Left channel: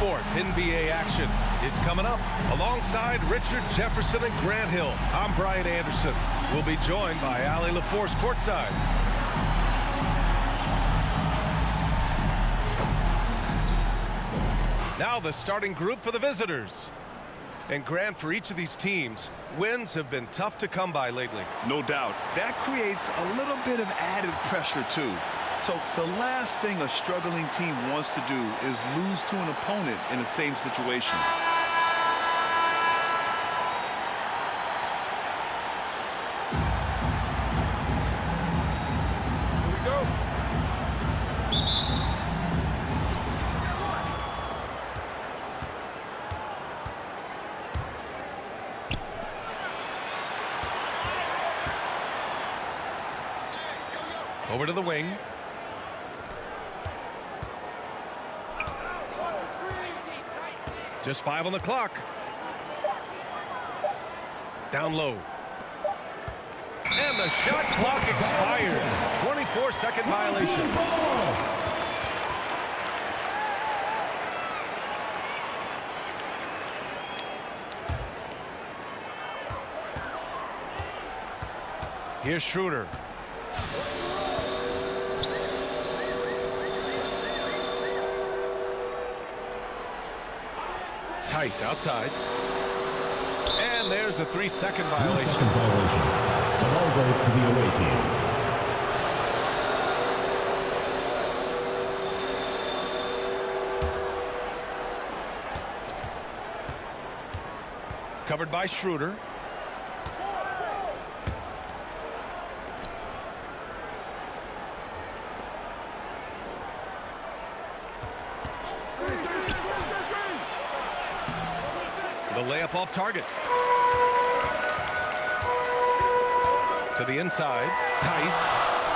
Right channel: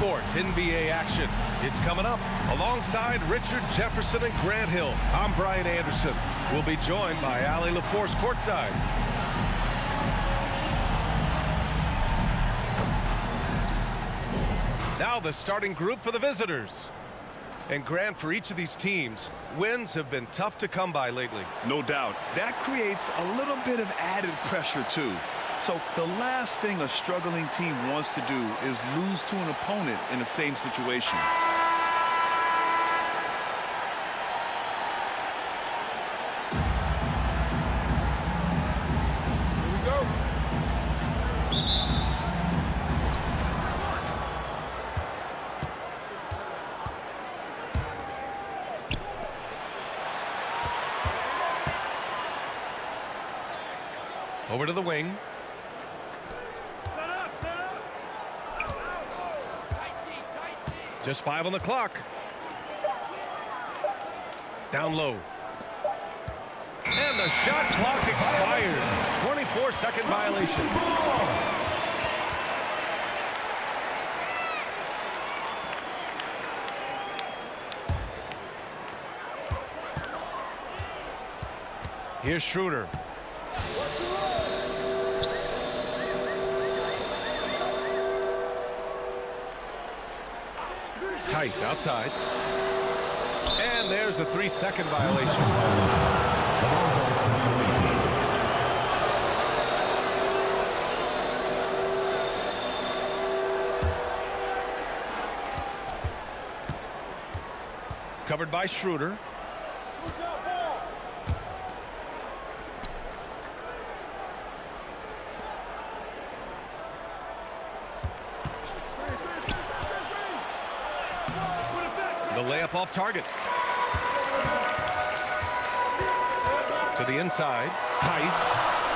Sports NBA action. It's coming up alongside Richard Jefferson and Grant Hill. I'm Brian Anderson. We'll be joined by Allie LaForce courtside. Now the starting group for the visitors. And Grant, for each of these teams, wins have been tough to come by lately. No doubt. That creates a little bit of added pressure, too. So the last thing a struggling team wants to do is lose to an opponent in the same situation. Here we go. Over to the wing. Just 5 on the clock. Down low. And the shot clock expires. 24-second violation. Here's Schroeder. Tice outside. And there's a 3-second violation. The ball goes to the away team. Covered by Schroeder. The layup off target. To the inside. Tice.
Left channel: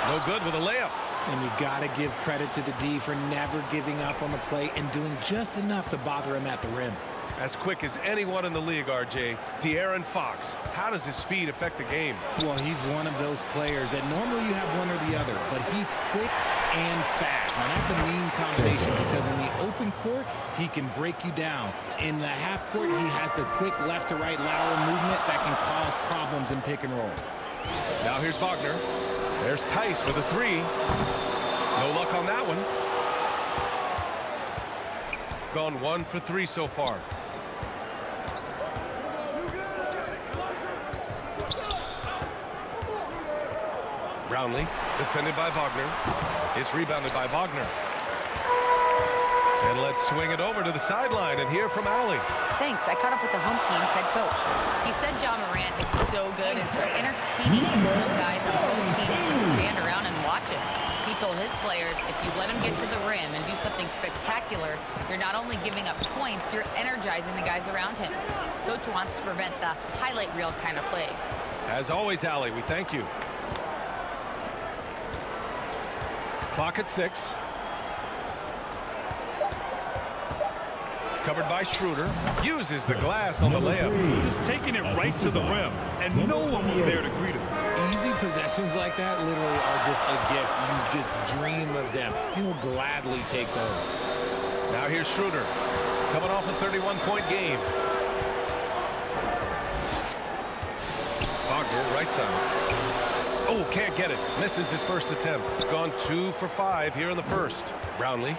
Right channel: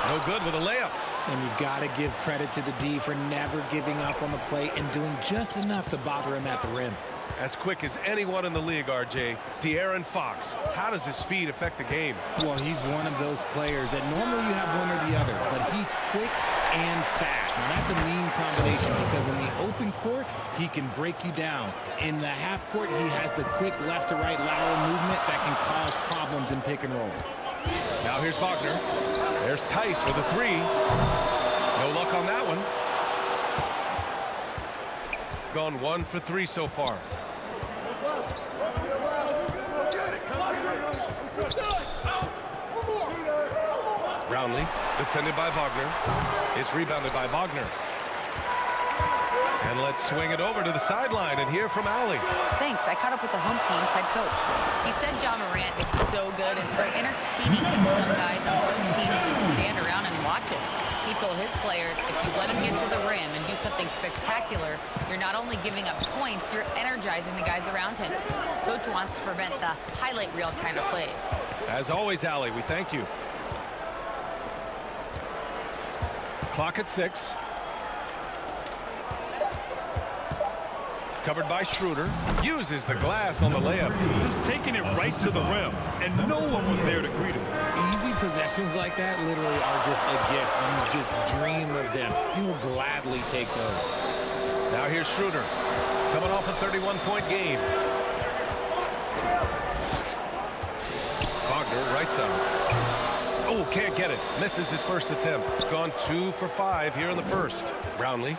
No good with a layup. And you got to give credit to the D for never giving up on the play and doing just enough to bother him at the rim. As quick as anyone in the league, RJ. De'Aaron Fox. How does his speed affect the game? Well, he's one of those players that normally you have one or the other, but he's quick and fast. Now, that's a mean combination because in the open court, he can break you down. In the half court, he has the quick left to right lateral movement that can cause problems in pick and roll. Now here's Wagner. There's Tice with a 3. No luck on that one. Gone 1 for 3 so far. Brownlee, defended by Wagner. It's rebounded by Wagner. And let's swing it over to the sideline and hear from Allie. Thanks. I caught up with the home team's head coach. He said John Morant is so good and so entertaining that some guys on both teams just stand around and watch him. He told his players, if you let him get to the rim and do something spectacular, you're not only giving up points, you're energizing the guys around him. Coach wants to prevent the highlight reel kind of plays. As always, Allie, we thank you. Clock at 6. Covered by Schroeder. Uses the glass on the layup. Just taking it right to the rim, and no one was there to greet him. Easy possessions like that literally are just a gift. You just dream of them. He'll gladly take those. Now here's Schroeder. Coming off a 31-point game. Wagner, right side. Oh, can't get it. Misses his first attempt. Gone 2 for 5 here in the first. Brownlee.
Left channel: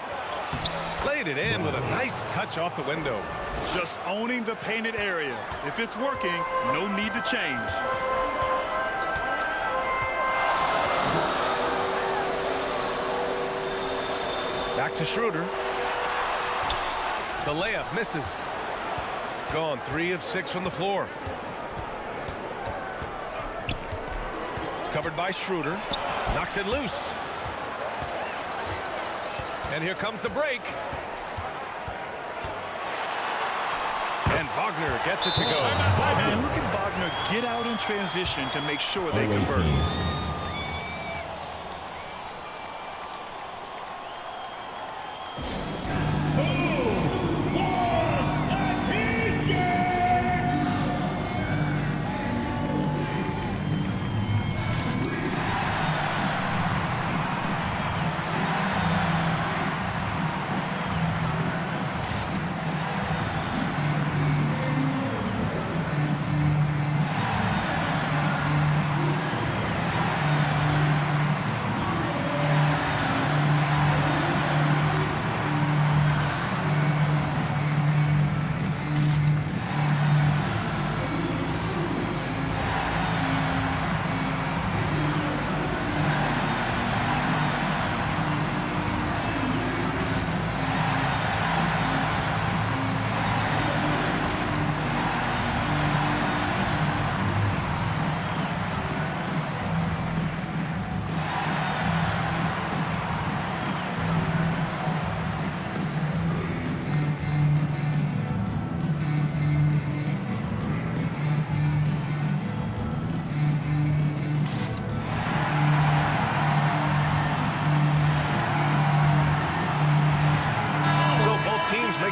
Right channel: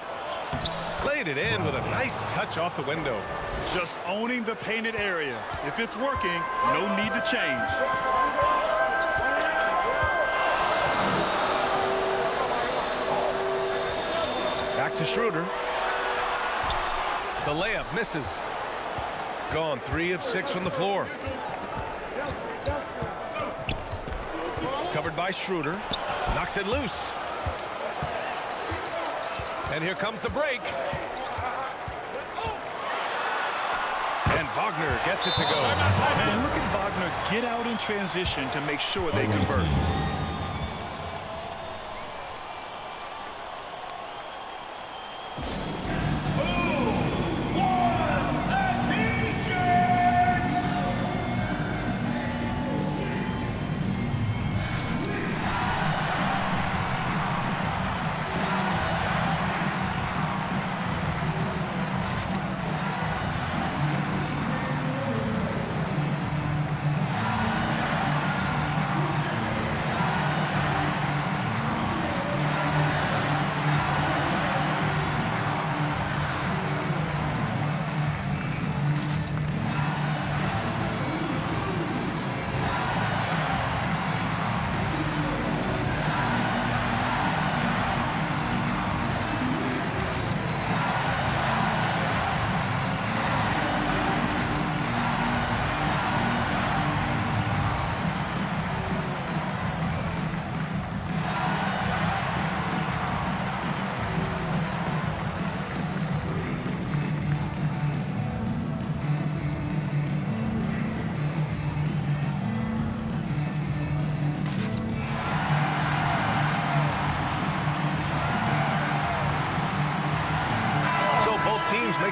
Laid it in with a nice touch off the window. Just owning the painted area. If it's working, no need to change. Back to Schroeder. The layup misses. Gone 3 of 6 from the floor. Covered by Schroeder. Knocks it loose. And here comes the break. And Wagner gets it to go. And look at Wagner get out in transition to make sure they convert.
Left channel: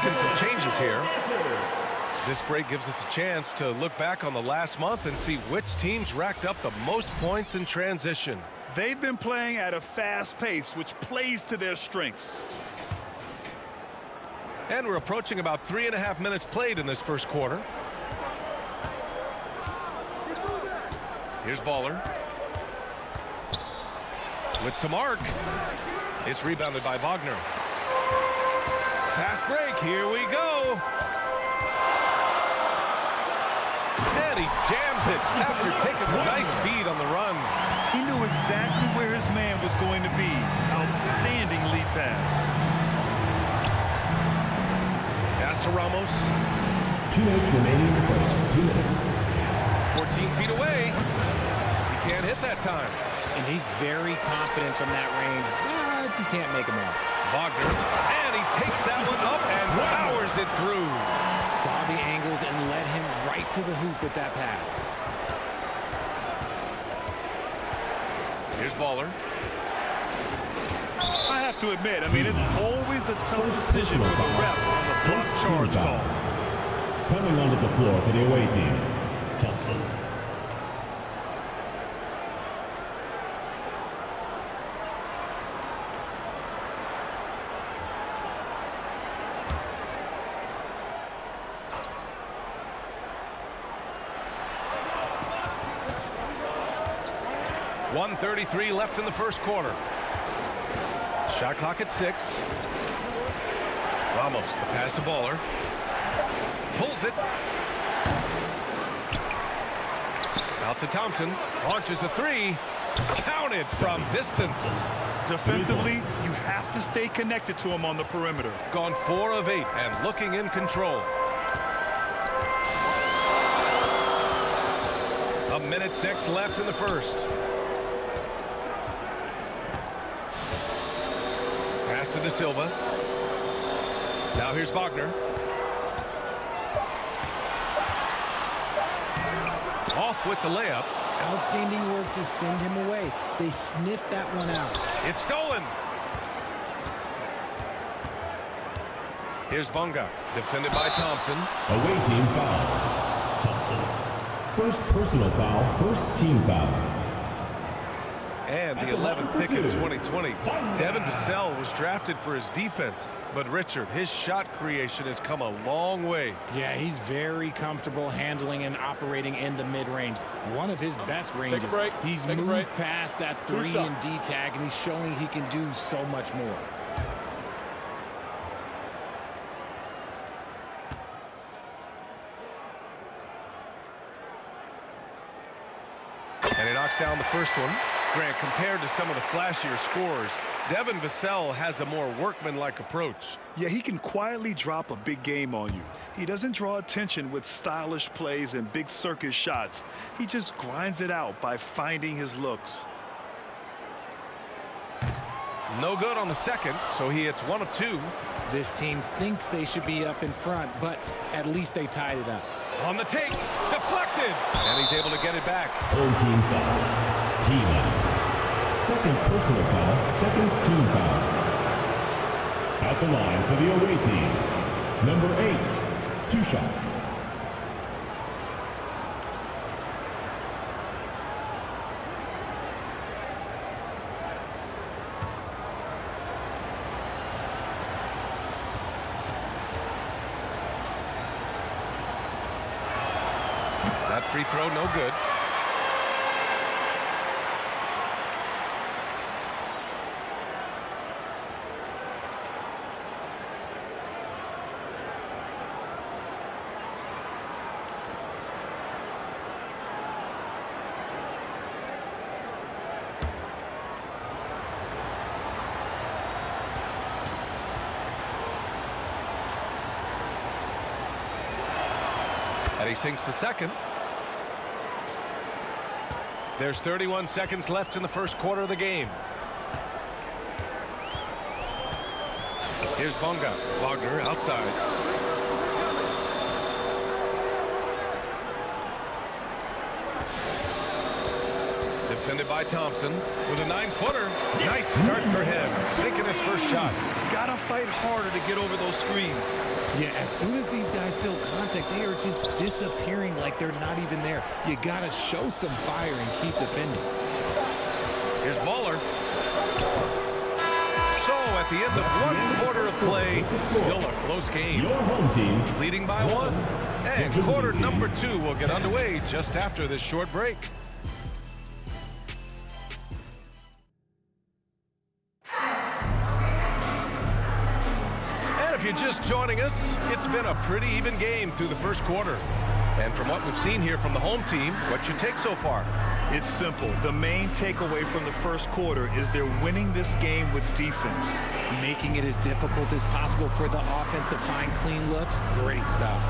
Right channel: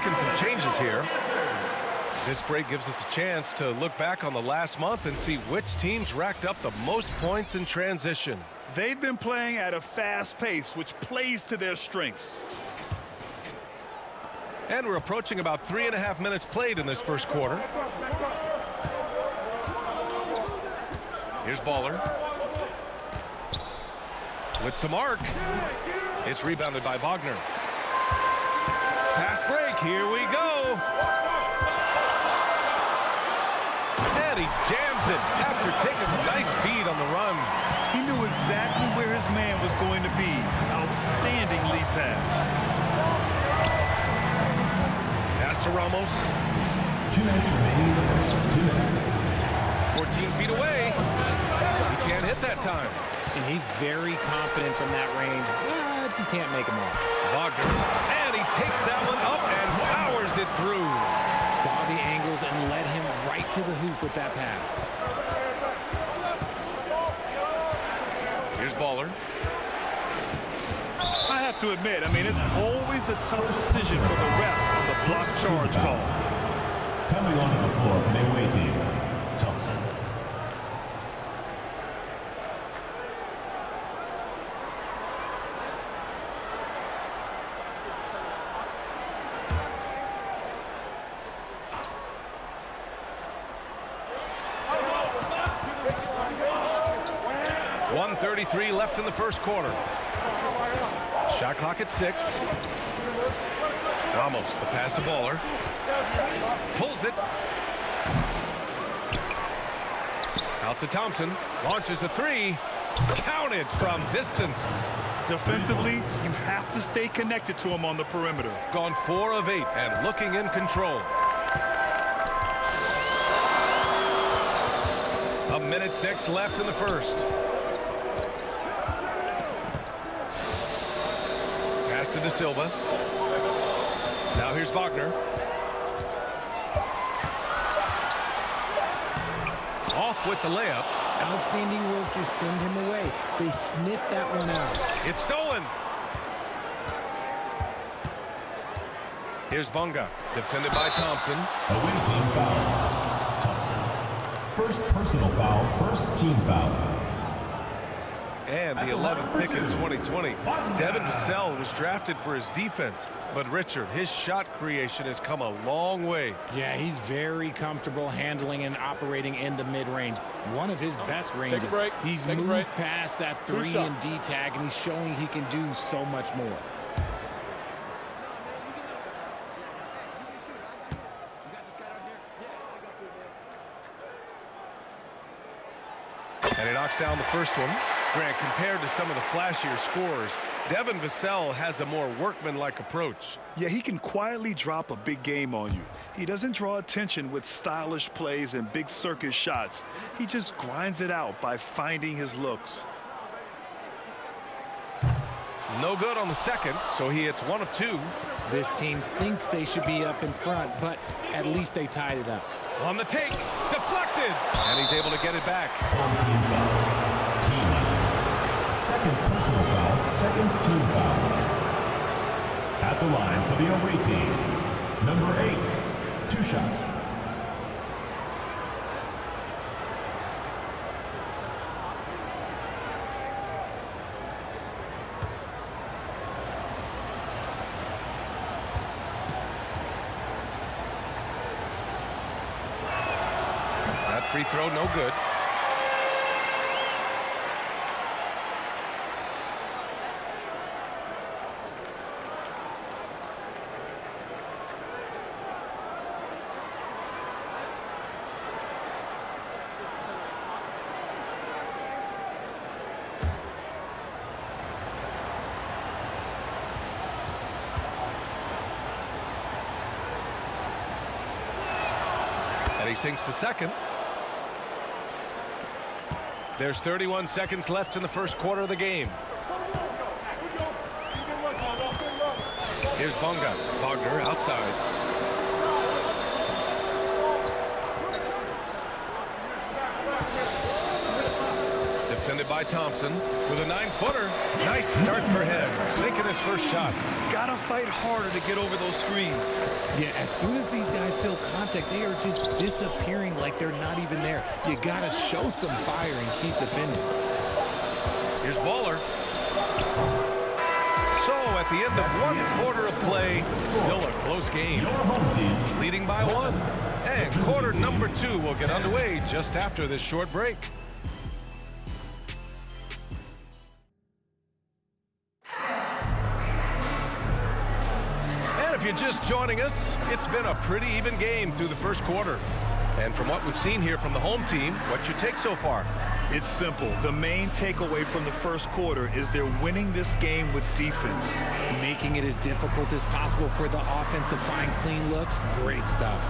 making some changes here. This break gives us a chance to look back on the last month and see which teams racked up the most points in transition. They've been playing at a fast pace, which plays to their strengths. And we're approaching about 3.5 minutes played in this first quarter. Here's Baller. With some arc. It's rebounded by Wagner. Fast break, here we go. And he jams it after taking a nice feed on the run. He knew exactly where his man was going to be. Outstanding lead pass. Pass to Ramos. 2 minutes remaining in the first. 2 minutes. 14 feet away. He can't hit that time. And he's very confident from that range, but you can't make him all. Wagner, and he takes that one up and powers it through. Saw the angles and led him right to the hoop with that pass. Here's Baller. I have to admit, it's always a tough decision for the ref on the block charge call. Coming onto the floor for the away team, Thompson. .133 left in the first quarter. Shot clock at 6. Ramos, the pass to Baller. Pulls it. Out to Thompson. Launches a 3. Counted from distance. Defensively, you have to stay connected to him on the perimeter. Gone 4 of 8 and looking in control. 1:06 left in the first. Pass to De Silva. Now here's Wagner. Off with the layup. Outstanding work to send him away. They sniffed that one out. It's stolen. Here's Bunga, defended by Thompson. Away team foul. Thompson. First personal foul, first team foul. And the 11th pick in 2020. Devin Vassell was drafted for his defense. But Richard, his shot creation has come a long way. Yeah, he's very comfortable handling and operating in the mid-range. One of his best ranges. He's moved past that 3 and D tag, and he's showing he can do so much more. And he knocks down the first one. Grant, compared to some of the flashier scorers, Devin Vassell has a more workmanlike approach. Yeah, he can quietly drop a big game on you. He doesn't draw attention with stylish plays and big circus shots. He just grinds it out by finding his looks. No good on the second, so he hits 1 of 2. This team thinks they should be up in front, but at least they tied it up. On the take, deflected, and he's able to get it back. Home team foul. Team out. Second personal foul, second team foul. At the line for the away team, number 8, 2 shots. That free throw, no good. And he sinks the second. There's 31 seconds left in the first quarter of the game. Here's Bunga. Wagner outside. Defended by Thompson with a 9-footer. Nice start for him. Sinking his first shot. got to fight harder to get over those screens. Yeah, as soon as these guys feel contact, they are just disappearing like they're not even there. You got to show some fire and keep defending. Here's Baller. So at the end of one quarter of play, still a close game. Your home team Leading by one. And quarter number 2 will get underway just after this short break. And if you're just joining us, it's been a pretty even game through the first quarter. And from what we've seen here from the home team, what's your take so far? It's simple. The main takeaway from the first quarter is they're winning this game with defense. Making it as difficult as possible for the offense to find clean looks. Great stuff.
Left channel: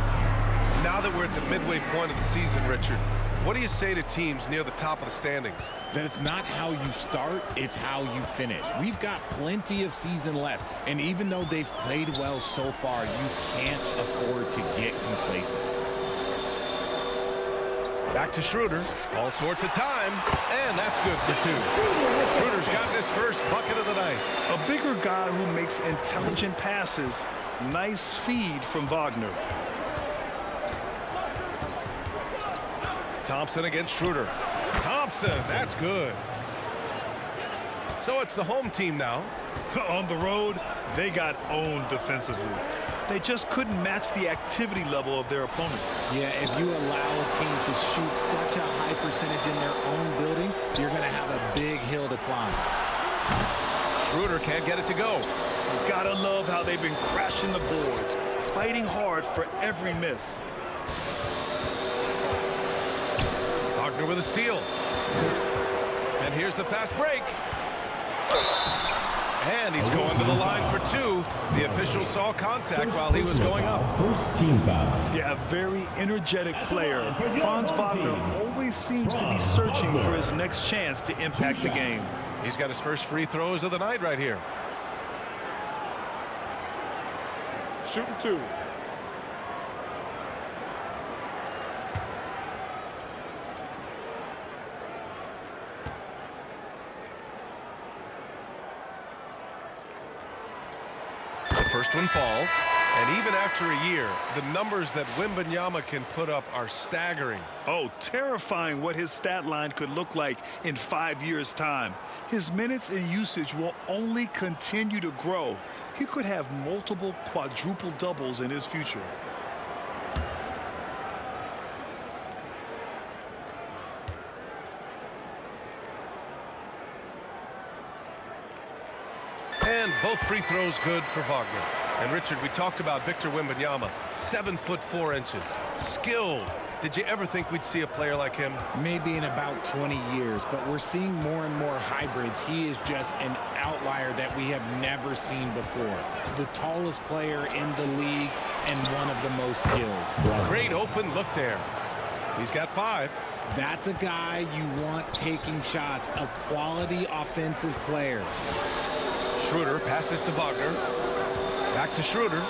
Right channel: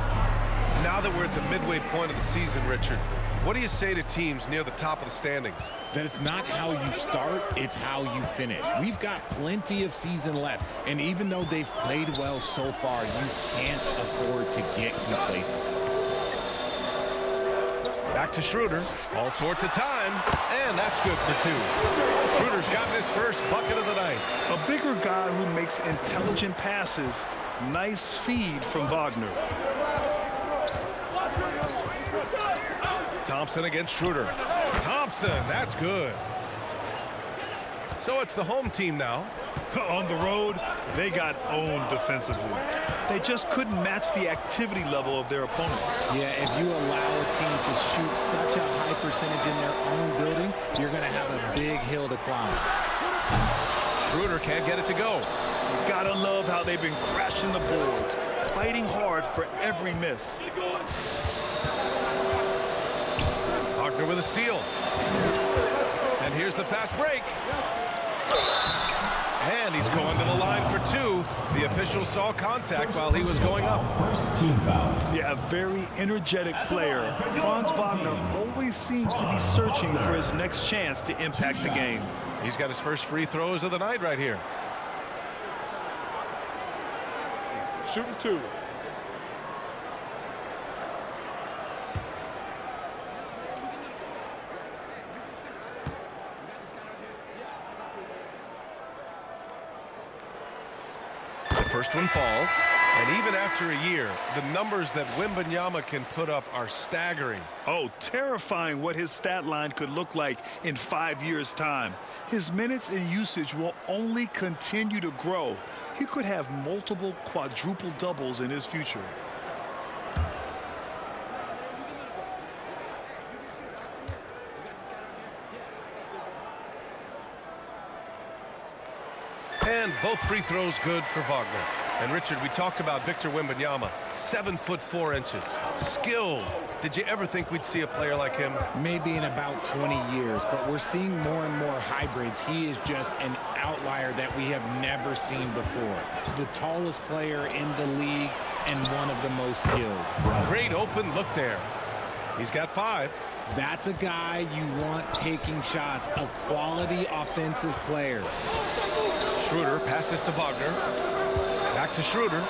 Now that we're at the midway point of the season, Richard, what do you say to teams near the top of the standings? That it's not how you start, it's how you finish. We've got plenty of season left, and even though they've played well so far, you can't afford to get complacent. Back to Schroeder. All sorts of time. And that's good for 2. Schroeder's gotten his first bucket of the night. A bigger guy who makes intelligent passes. Nice feed from Wagner. Thompson against Schroeder. Thompson, that's good. So it's the home team now. On the road, they got owned defensively. They just couldn't match the activity level of their opponent. Yeah, if you allow a team to shoot such a high percentage in their own building, you're going to have a big hill to climb. Schroeder can't get it to go. You gotta love how they've been crashing the boards, fighting hard for every miss. Wagner with a steal. And here's the fast break. And he's going to the line for 2. The official saw contact while he was going up. First team foul. Yeah, a very energetic player. Franz Wagner always seems to be searching for his next chance to impact the game. He's got his first free throws of the night right here. Shooting 2. First one falls, and even after a year, the numbers that Wembanyama can put up are staggering. Oh, terrifying what his stat line could look like in 5 years' time. His minutes and usage will only continue to grow. He could have multiple quadruple doubles in his future. And both free throws good for Wagner. And Richard, we talked about Victor Wembanyama, 7'4". Skilled. Did you ever think we'd see a player like him? Maybe in about 20 years, but we're seeing more and more hybrids. He is just an outlier that we have never seen before. The tallest player in the league and one of the most skilled. Great open look there. He's got 5. That's a guy you want taking shots, a quality offensive player. Schroeder passes to Wagner. Back to Schroeder.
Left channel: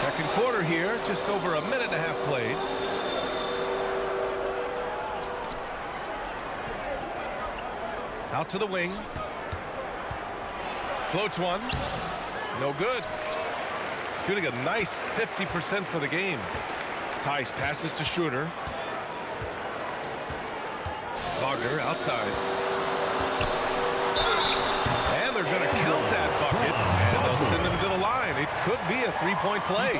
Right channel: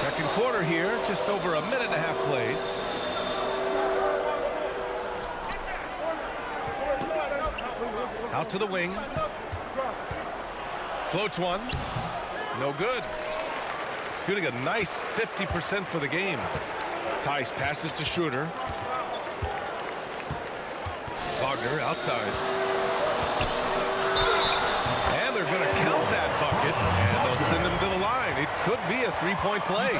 Second quarter here, just over a minute and a half played. Out to the wing. Floats one. No good. Shooting a nice 50% for the game. Tice passes to Schroeder. Wagner outside. And they're going to count that bucket, and they'll send him to the line. It could be a three-point play.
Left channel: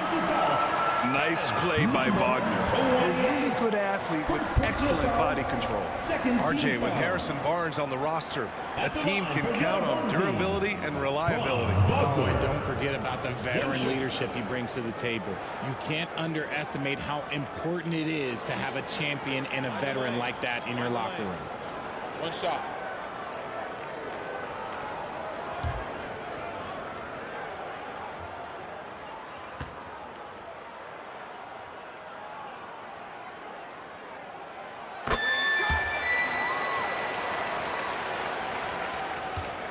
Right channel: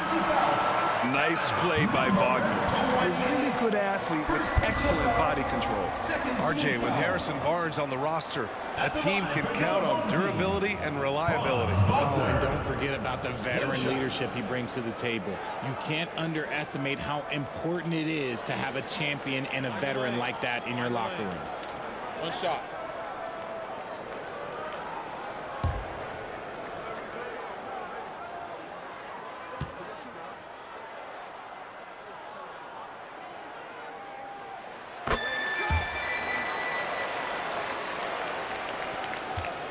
Nice play by Wagner. A really good athlete with excellent body control. RJ, with Harrison Barnes on the roster, a team can count on durability and reliability. Oh, and don't forget about the veteran leadership he brings to the table. You can't underestimate how important it is to have a champion and a veteran like that in your locker room. One shot.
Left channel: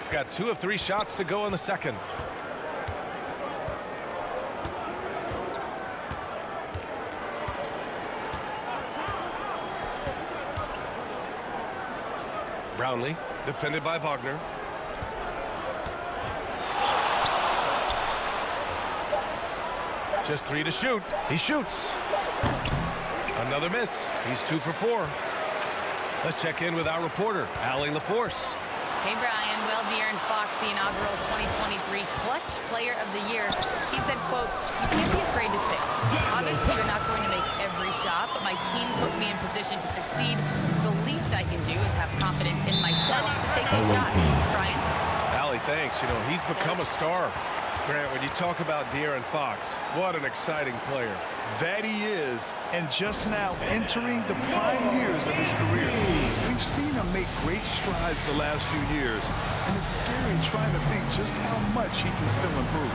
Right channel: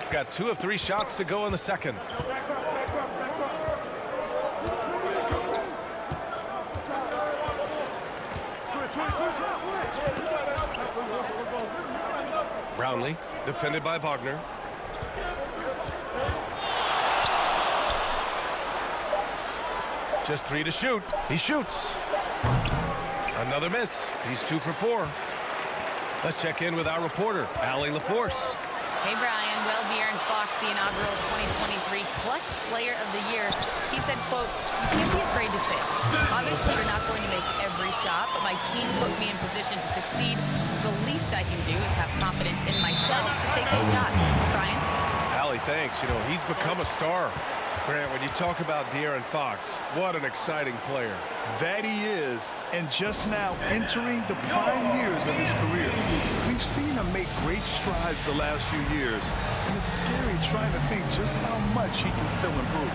Got 2 of 3 shots to go in the second. Brownlee, defended by Wagner. Just 3 to shoot. He shoots. Another miss. He's 2 for 4. Let's check in with our reporter, Allie LaForce. Hey, Brian. Well, De'Aaron Fox, the inaugural 2023 Clutch Player of the Year, he said, quote, "You can't be afraid to fail. Obviously, you're not going to make every shot, but my team puts me in position to succeed, so the least I can do is have confidence in myself to take these shots." Brian? Allie, thanks. You know, he's become a star. Grant, when you talk about De'Aaron Fox, what an exciting player. That he is, and just now entering the prime years of his career. We've seen him make great strides the last few years, and it's scary trying to think just how much he can still improve.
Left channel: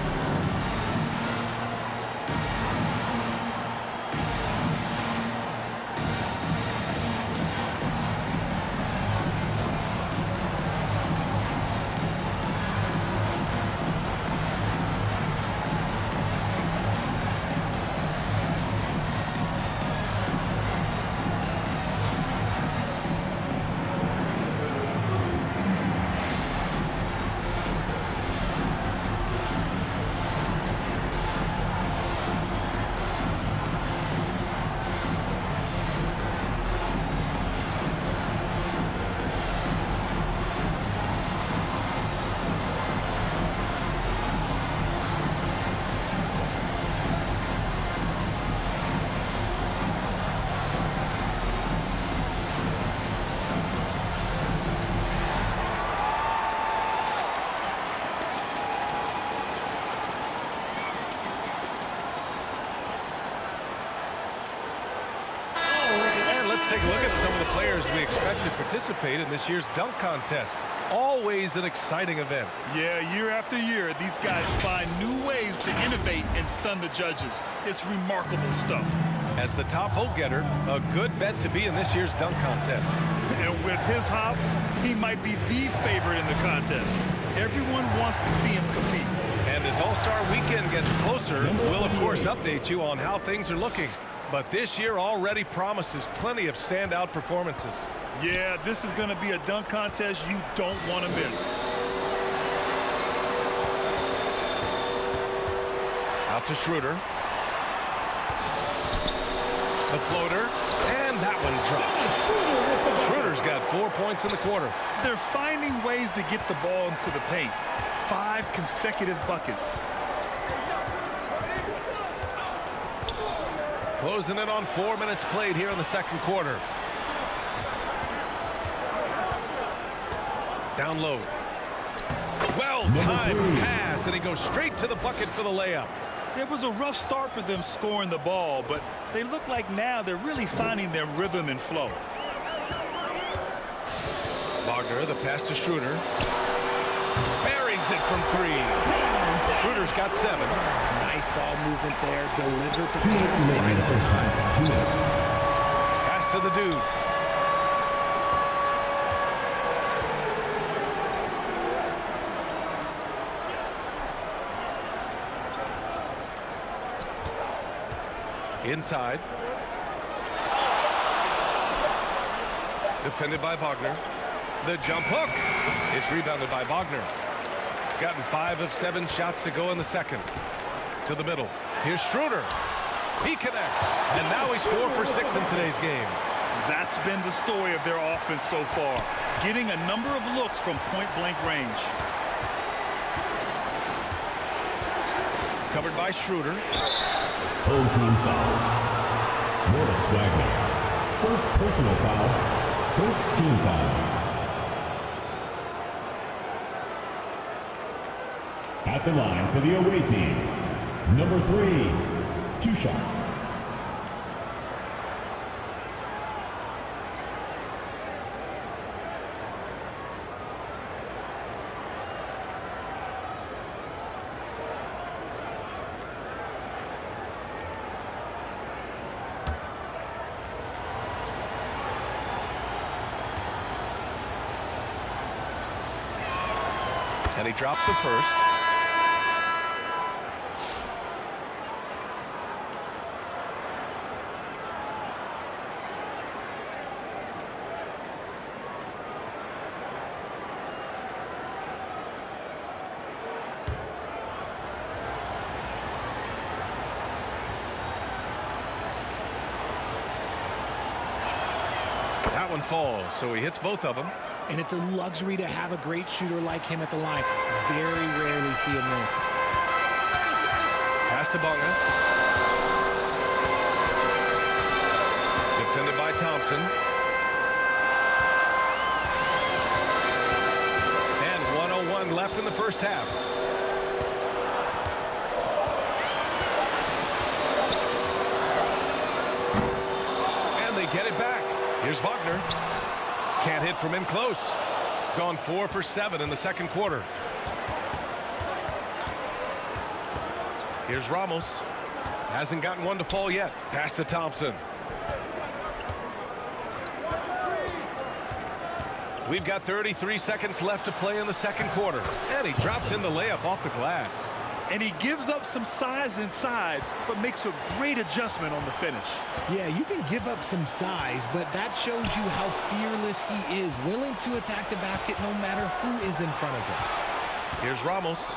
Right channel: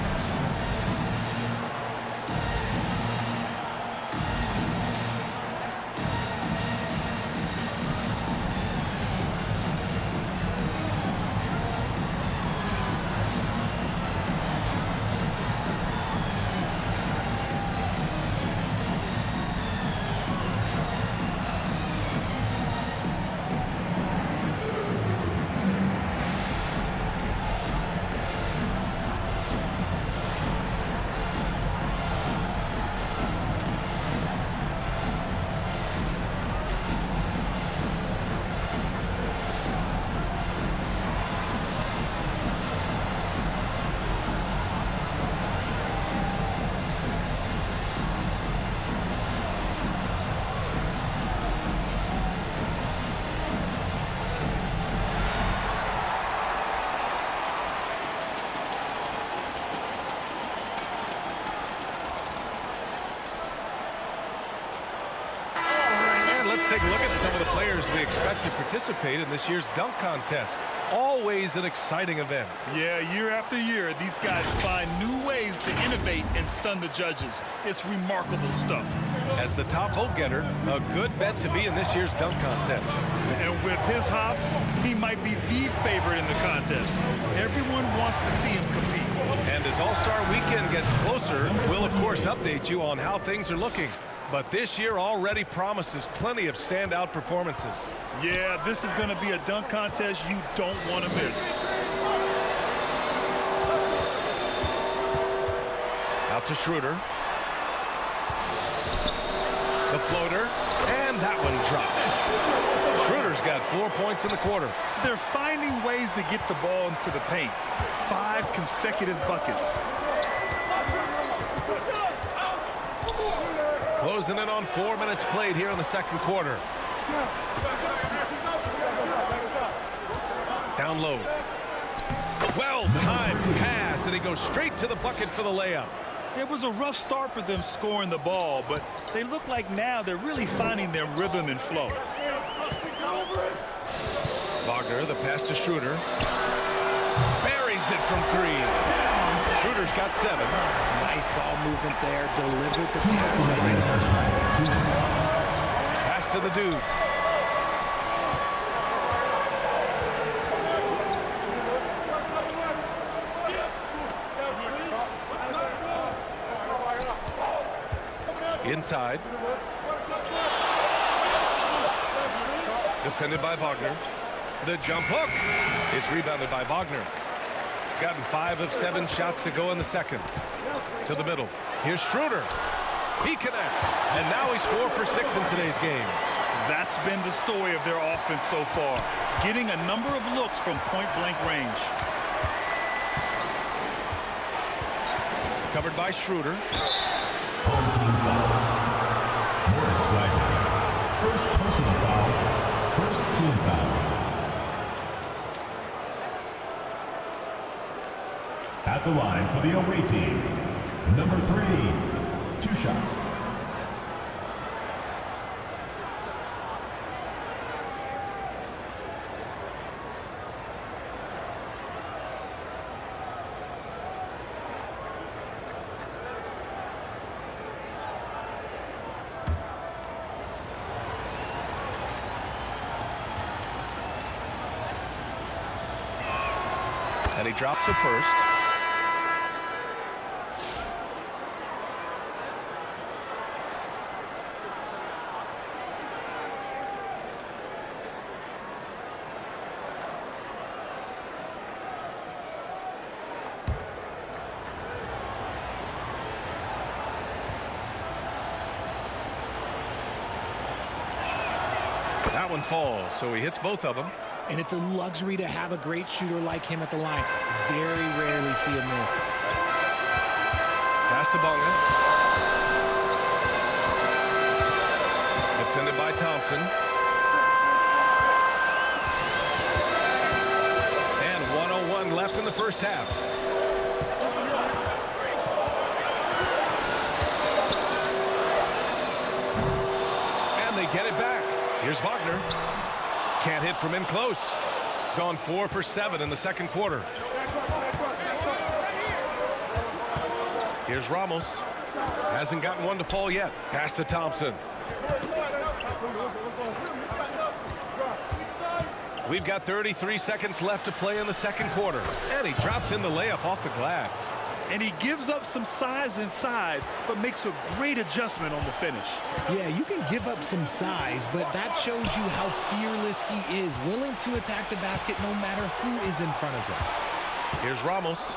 Let's take a look at some of the players we expect to participate in this year's dunk contest. Always an exciting event. Yeah, year after year, these guys find new ways to innovate and stun the judges. It's remarkable stuff. As the top vote getter, a good bet to be in this year's dunk contest. And with his hops, he might be the favorite in the contest. Everyone wants to see him compete. And as All-Star Weekend gets closer, we'll of course update you on how things are looking. But this year already promises plenty of standout performances. Yeah, this is going to be a dunk contest you don't want to miss. Out to Schroeder. The floater, and that one drops. Schroeder's got 4 points in the quarter. They're finding ways to get the ball into the paint. 5 consecutive buckets. Closing in on 4 minutes played here in the second quarter. Down low. Well-timed pass, and he goes straight to the bucket for the layup. It was a rough start for them scoring the ball, but they look like now they're really finding their rhythm and flow. Wagner, the pass to Schroeder. Buries it from 3. Schroeder's got 7. Nice ball movement there. Delivered the pass right on time. 2 minutes. Pass to the dude. Inside. Defended by Wagner. The jump hook. It's rebounded by Wagner. Gotten 5 of 7 shots to go in the second. To the middle. Here's Schroeder. He connects. And now he's 4 for 6 in today's game. That's been the story of their offense so far. Getting a number of looks from point-blank range. Covered by Schroeder. Home team foul. Moritz Wagner. First personal foul. First team foul. At the line for the away team, number 3, 2 shots. And he drops the first. That one falls, so he hits both of them. And it's a luxury to have a great shooter like him at the line. Very rarely see him miss. Pass to Bonga. Defended by Thompson. And 1:01 left in the first half. And they get it back. Here's Wagner. Can't hit from in close. Gone 4 for 7 in the second quarter. Here's Ramos. Hasn't gotten one to fall yet. Pass to Thompson. We've got 33 seconds left to play in the second quarter. And he drops in the layup off the glass. And he gives up some size inside, but makes a great adjustment on the finish. Yeah, you can give up some size, but that shows you how fearless he is, willing to attack the basket no matter who is in front of him. Here's Ramos.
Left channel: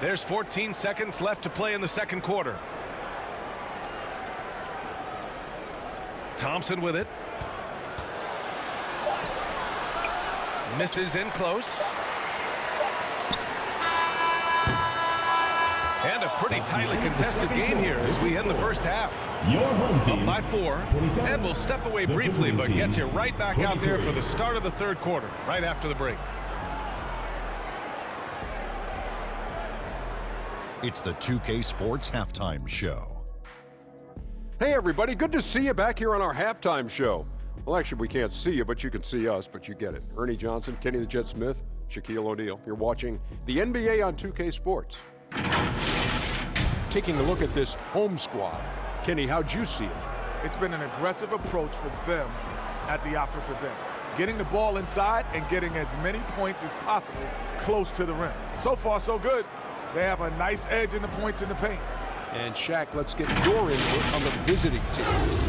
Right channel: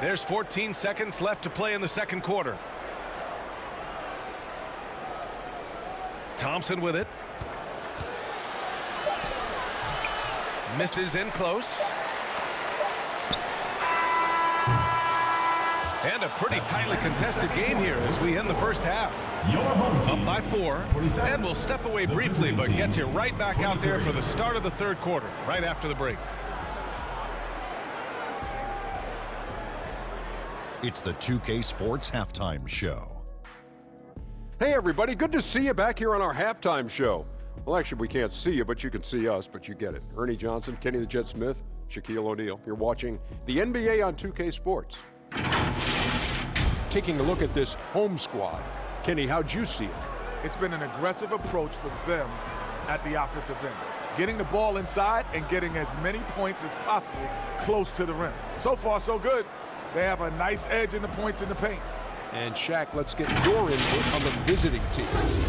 There's 14 seconds left to play in the second quarter. Thompson with it. Misses in close. And a pretty tightly contested game here as we end the first half. Your home team. Up by 4. And we'll step away briefly, but get you right back out there for the start of the third quarter, right after the break. It's the 2K Sports Halftime Show. Hey everybody, good to see you back here on our halftime show. Well, actually, we can't see you, but you can see us, but you get it. Ernie Johnson, Kenny the Jet Smith, Shaquille O'Neal. You're watching the NBA on 2K Sports. Taking a look at this home squad. Kenny, how'd you see it? It's been an aggressive approach for them at the offensive end. Getting the ball inside and getting as many points as possible close to the rim. So far, so good. They have a nice edge in the points in the paint. And Shaq, let's get your input on the visiting team.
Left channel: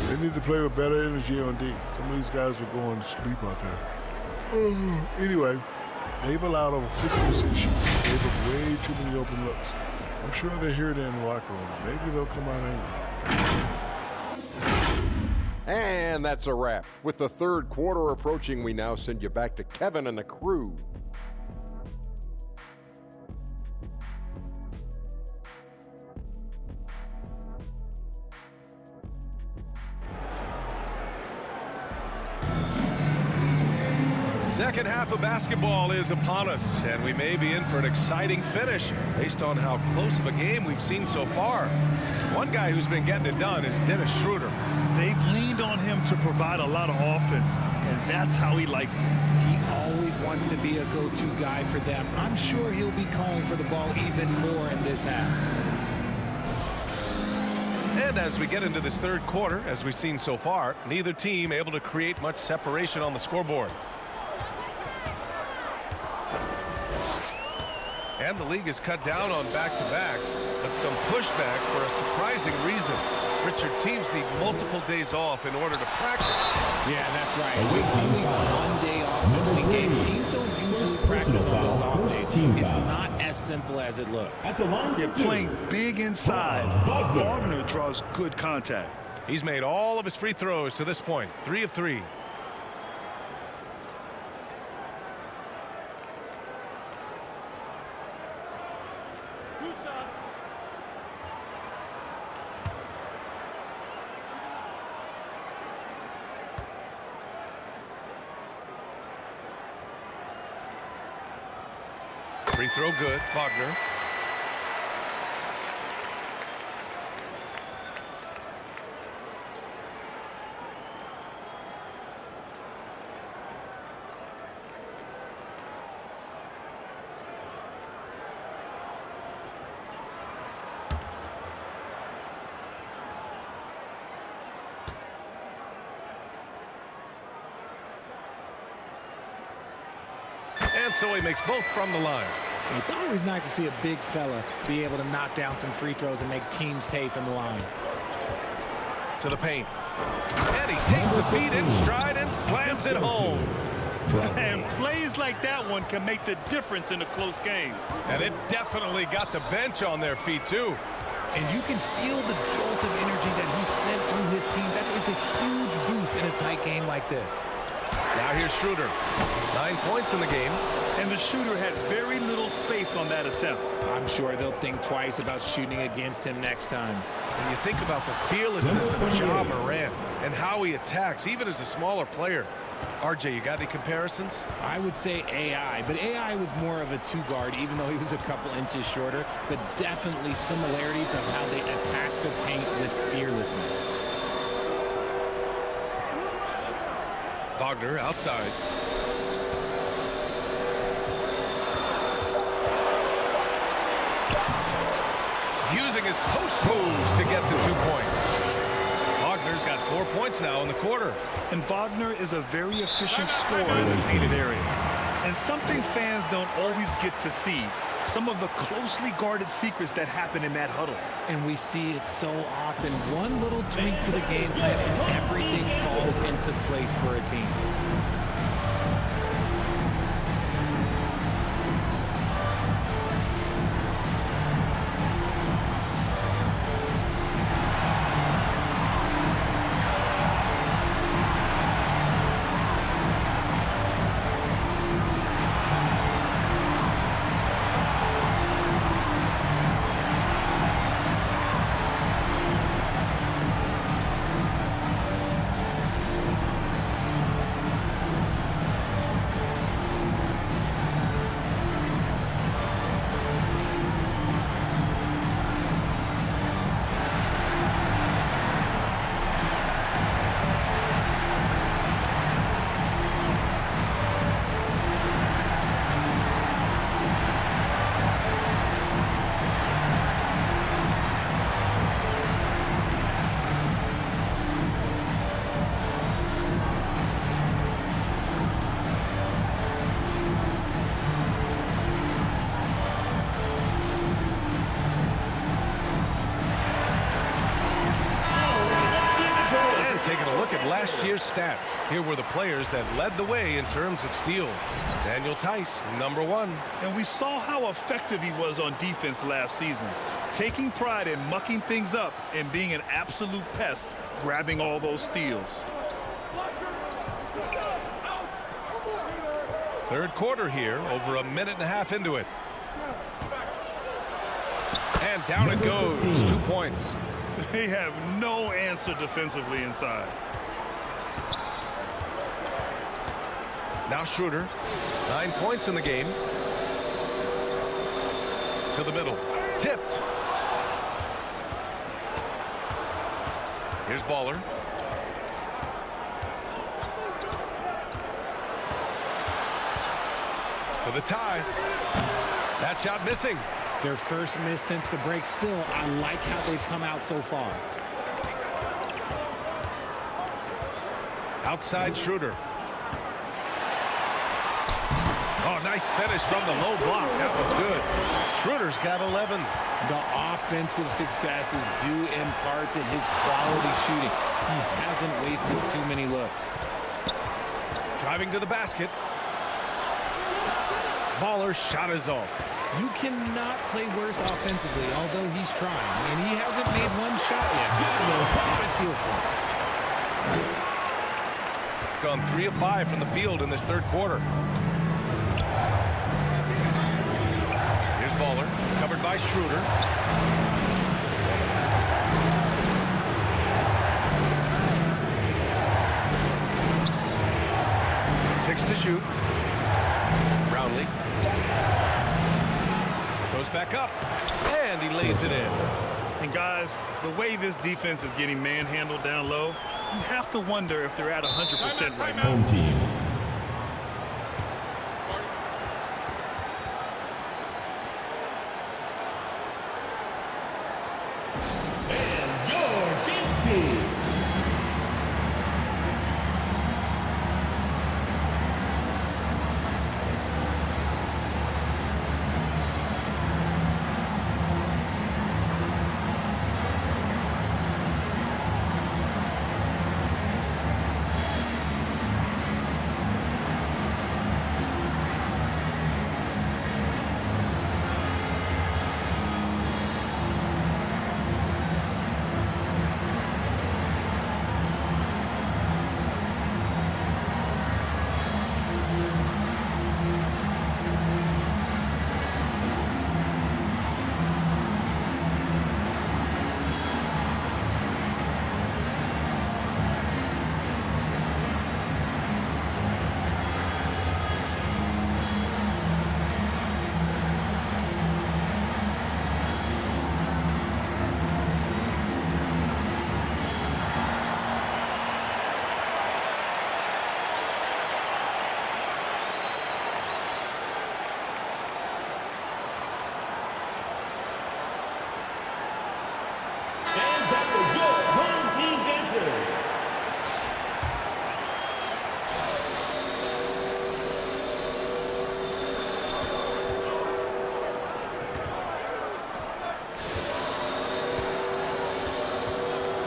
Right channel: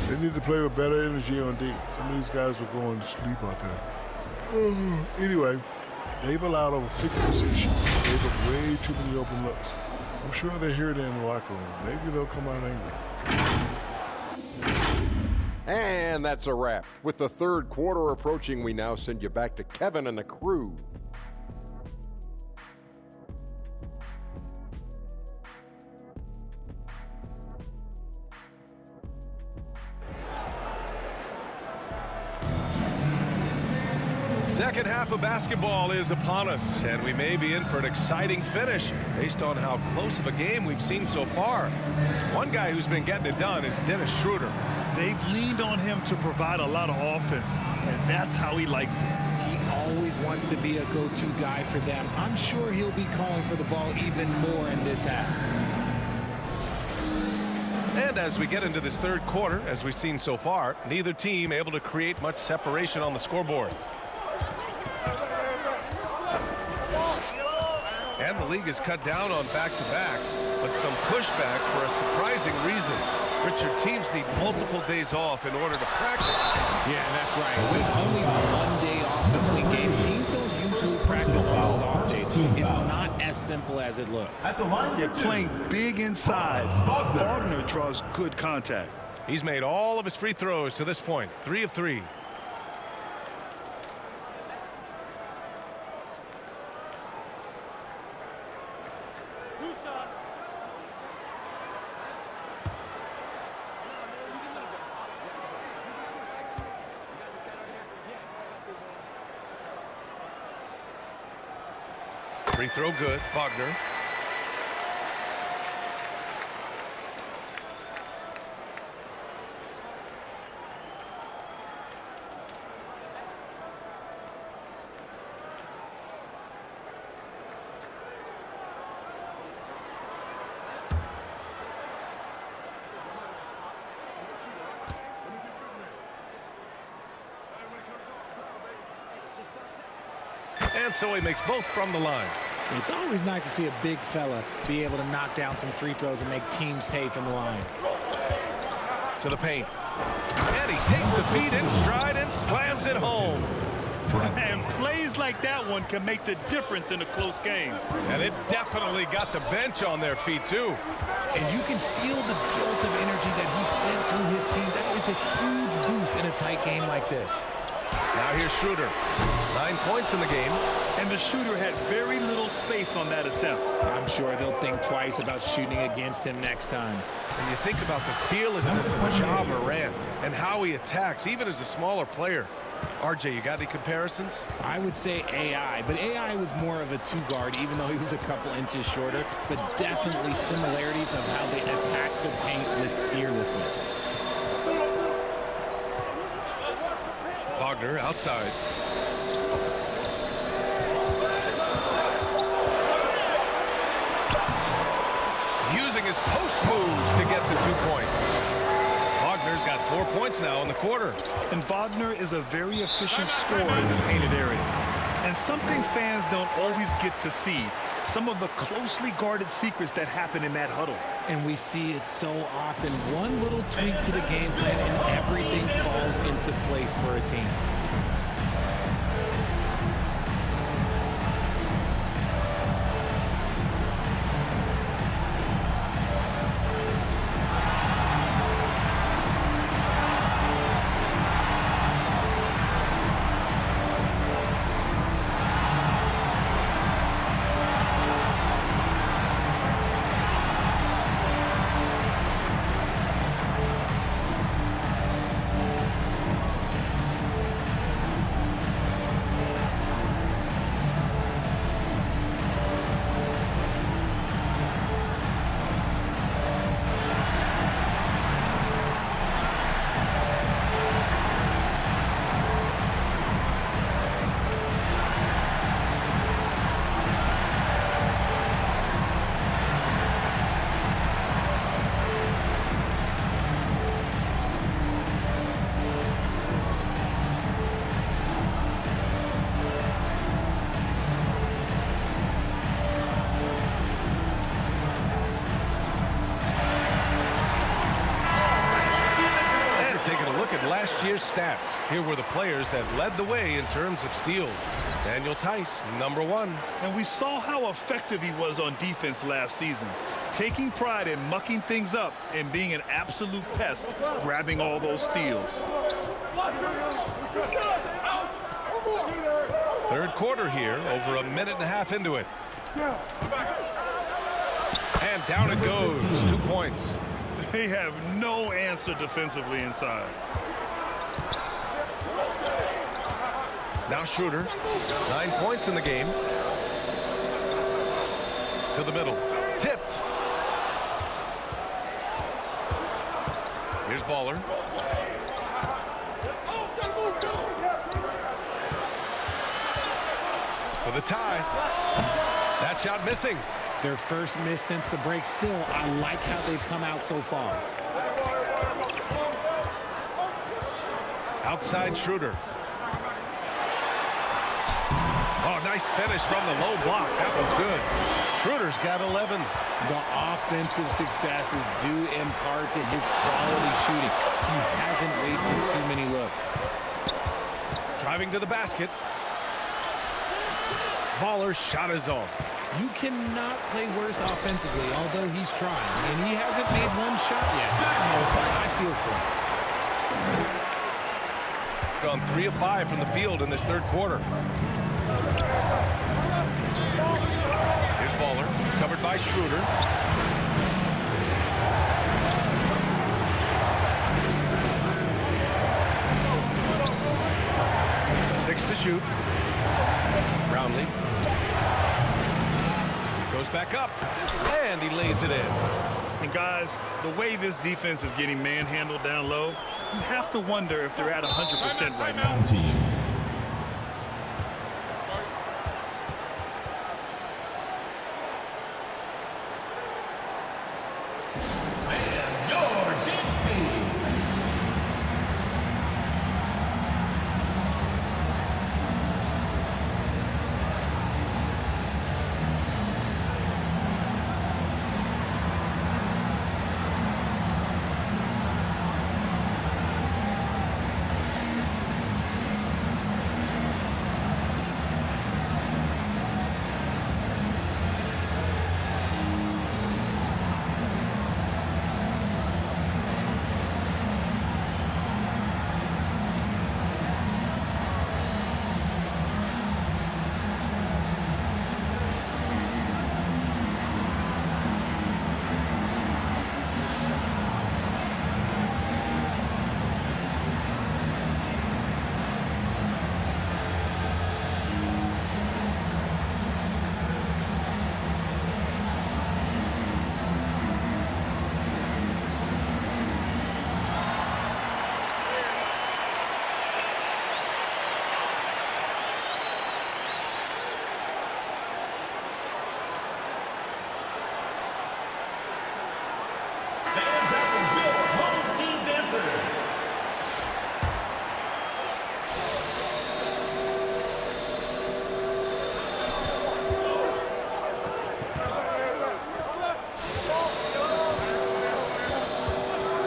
They need to play with better energy on D. Some of these guys were going to sleep out there. Anyway, they've allowed over 50% shooting. Gave up way too many open looks. I'm sure they hear that in the locker room. Maybe they'll come out angry. And that's a wrap. With the third quarter approaching, we now send you back to Kevin and the crew. Second half of basketball is upon us, and we may be in for an exciting finish based on how close of a game we've seen so far. One guy who's been getting it done is Dennis Schroeder. They've leaned on him to provide a lot of offense, and that's how he likes it. He always wants to be a go-to guy for them. I'm sure he'll be calling for the ball even more in this half. And as we get into this third quarter, as we've seen so far, neither team able to create much separation on the scoreboard. And the league has cut down on back-to-backs, but some pushback for a surprising reason. Richard, teams need multiple days off in order to practice. Yeah, that's right. With only 1 day off between games, teams don't usually practice on those off days. It's not as simple as it looks. At the line, They're playing big inside. Wagner draws good contact. He's made all of his free throws to this point, 3 of 3. Free throw good, Wagner. And so he makes both from the line. It's always nice to see a big fella be able to knock down some free throws and make teams pay from the line. To the paint. And he takes the feed in stride and slams it home. And plays like that one can make the difference in a close game. And it definitely got the bench on their feet, too. And you can feel the jolt of energy that he sent through his team. That is a huge boost in a tight game like this. Now here's Schroeder. 9 points in the game. And the shooter had very little space on that attempt. I'm sure they'll think twice about shooting against him next time. And you think about the fearlessness of Ja Morant and how he attacks, even as a smaller player. RJ, you got any comparisons? I would say AI, but AI was more of a two-guard, even though he was a couple inches shorter, but definitely similarities of how they attack the paint with fearlessness. Wagner outside. Using his post moves to get the 2 points. Wagner's got 4 points now in the quarter. And Wagner is a very efficient scorer in the painted area. And something fans don't always get to see, some of the closely guarded secrets that happen in that huddle. And we see it so often. One little tweak to the game plan and everything falls into place for a team. Taking a look at last year's stats. Here were the players that led the way in terms of steals. Daniel Tice, #1. And we saw how effective he was on defense last season, taking pride in mucking things up and being an absolute pest, grabbing all those steals. Third quarter here, over a minute and a half into it. And down it goes, 2 points. They have no answer defensively inside. Now Schroeder, 9 points in the game. To the middle, tipped. Here's Baller. For the tie. That shot missing. Their first miss since the break. Still, I like how they've come out so far. Outside Schroeder. Oh, nice finish from the low block. That one's good. Schroeder's got 11. The offensive success is due in part to his quality shooting. He hasn't wasted too many looks. Driving to the basket. Baller's shot is off. You cannot play worse offensively, although he's trying. And he hasn't made one shot yet. I feel for him. Gone 3 of 5 from the field in this third quarter. Here's Baller, covered by Schroeder. Six to shoot. Brownlee. Goes back up, and he lays it in. And guys, the way this defense is getting manhandled down low, you have to wonder if they're at 100% right now. Home team. And your dance team.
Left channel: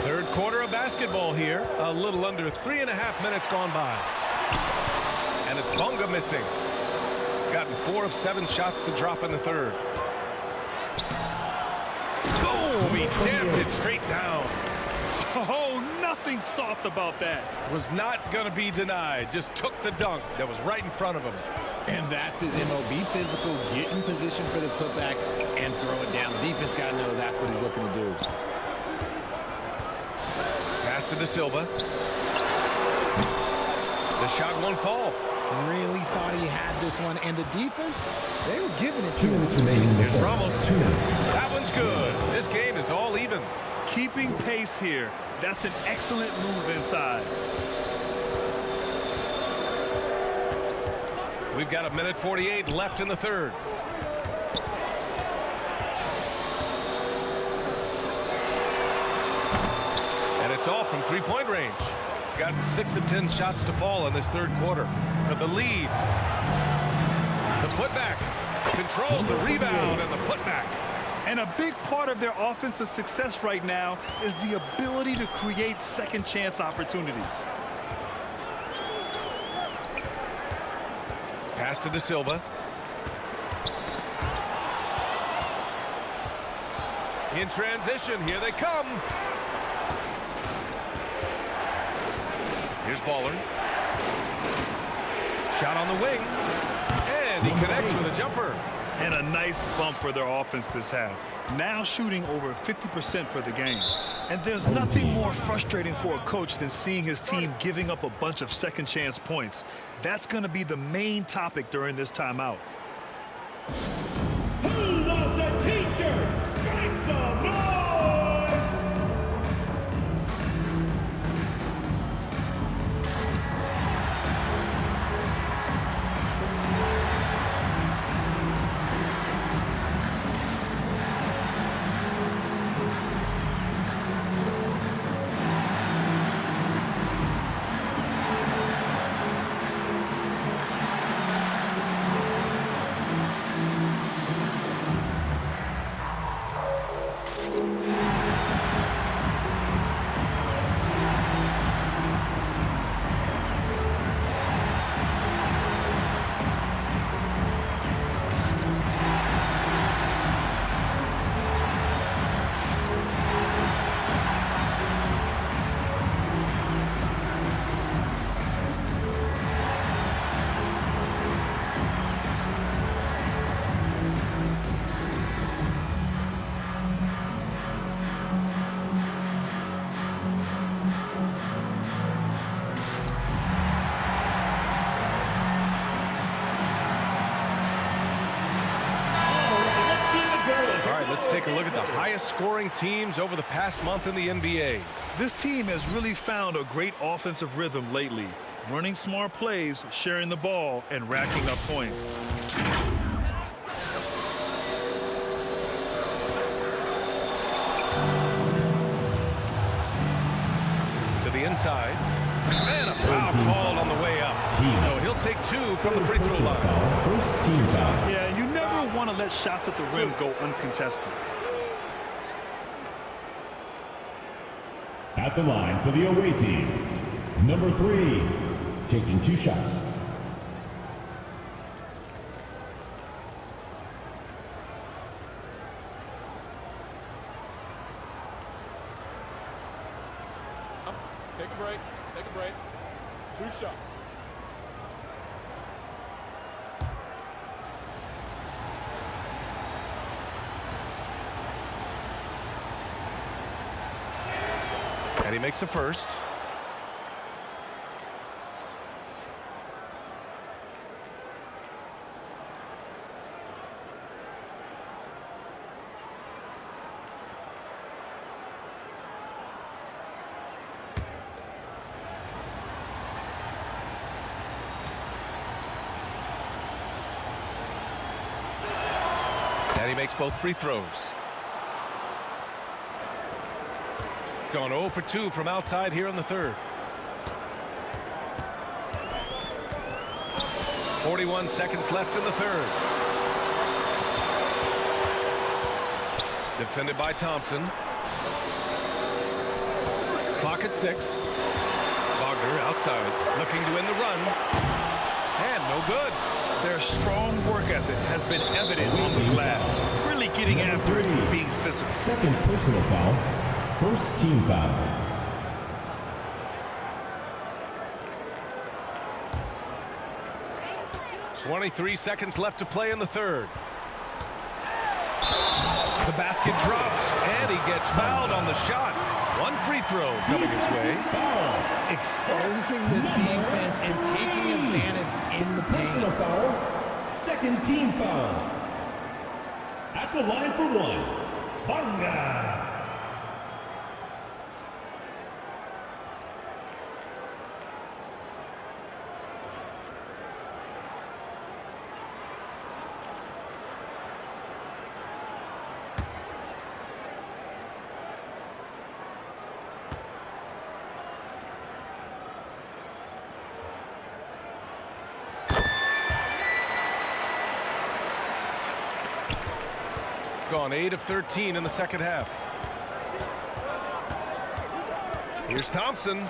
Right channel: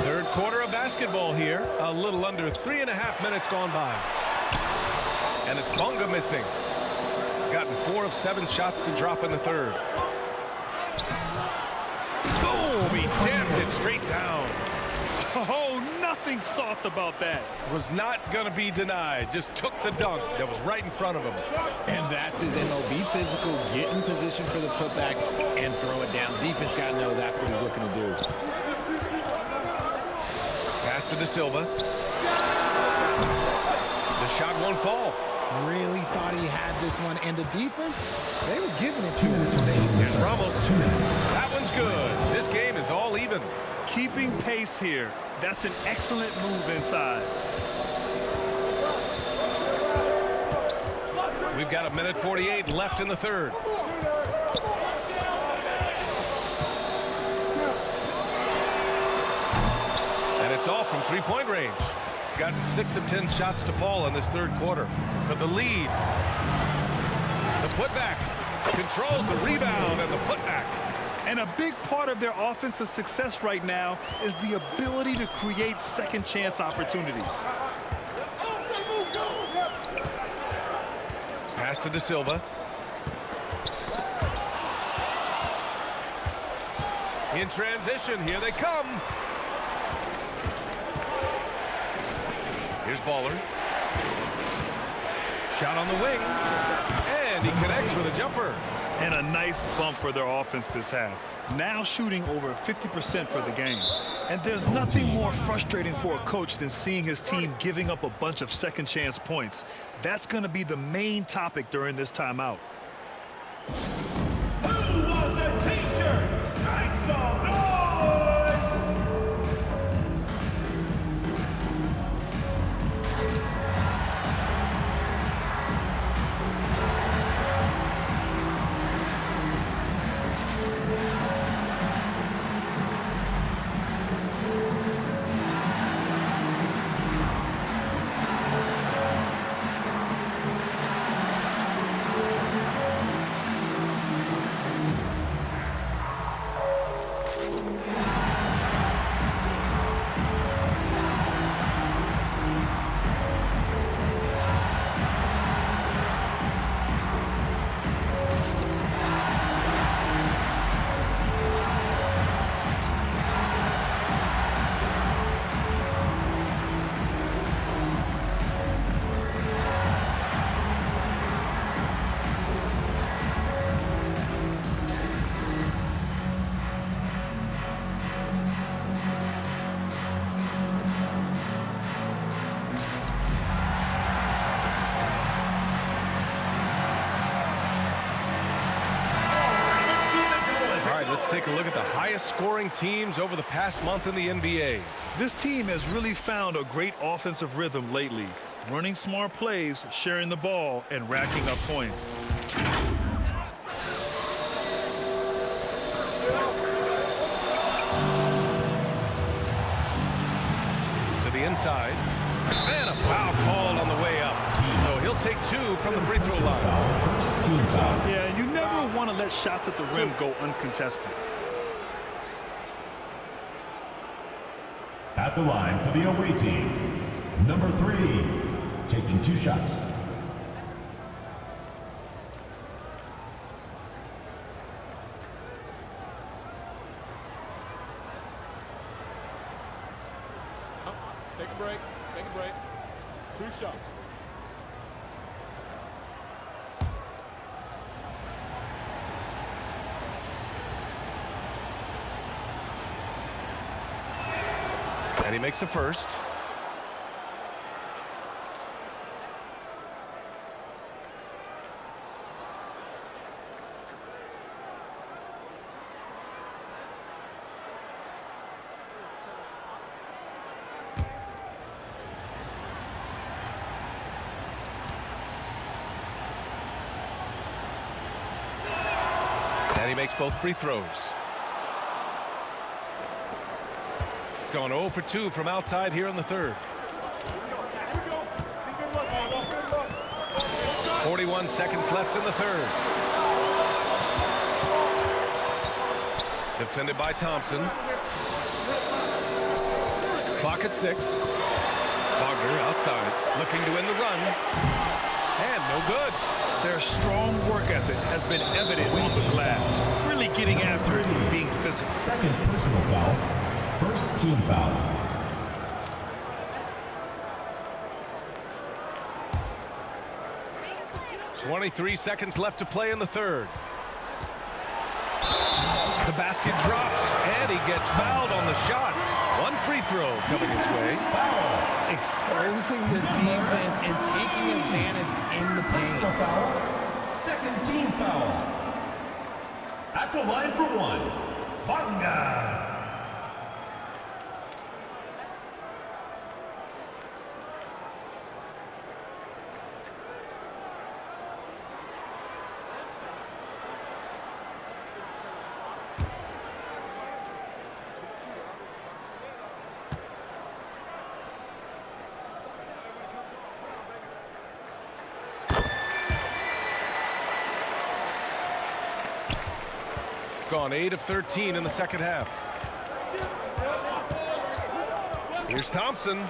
Third quarter of basketball here. A little under 3.5 minutes gone by. And it's Bonga missing. Gotten 4 of 7 shots to drop in the third. Boom! He jammed it straight down. Oh, nothing soft about that. Was not going to be denied. Just took the dunk that was right in front of him. And that's his MO. Be physical, get in position for the putback, and throw it down. The defense got to know that's what he's looking to do. Pass to De Silva. The shot won't fall. Really thought he had this one, and the defense, they were giving it to him. Here's Ramos. 2 minutes. That one's good. This game is all even. Keeping pace here. That's an excellent move inside. We've got 1:48 left in the third. And it's all from three-point range. Gotten 6 of 10 shots to fall in this third quarter. For the lead. The putback. Controls the rebound and the putback. And a big part of their offensive success right now is the ability to create second chance opportunities. Pass to De Silva. In transition, here they come. Here's Baller. Shot on the wing. And he connects with a jumper. And a nice bump for their offense this half. Now shooting over 50% for the game. And there's nothing more frustrating for a coach than seeing his team giving up a bunch of second chance points. That's going to be the main topic during this timeout. Who wants a t-shirt? Make some noise! Let's take a look at the highest scoring teams over the past month in the NBA. This team has really found a great offensive rhythm lately. Running smart plays, sharing the ball, and racking up points. To the inside. And a foul called on the way up. So he'll take 2 from the free throw line. First team foul. Yeah, you never want to let shots at the rim go uncontested. At the line for the away team, number 3, taking 2 shots. Take a break. Take a break. 2 shots. And he makes the first. And he makes both free throws. gone 0 for 2 from outside here in the third. 41 seconds left in the third. Defended by Thompson. Clock at 6. Wagner outside, looking to end the run. And no good. Their strong work ethic has been evident on the glass. Really getting after it and being physical. Second personal foul. First team foul. .23 seconds left to play in the third. The basket drops, and he gets fouled on the shot. One free throw coming his way. Exposing the defense and taking advantage in the paint. Personal foul. Second team foul. At the line for one. Banga. Gone 8 of 13 in the second half. Here's Thompson.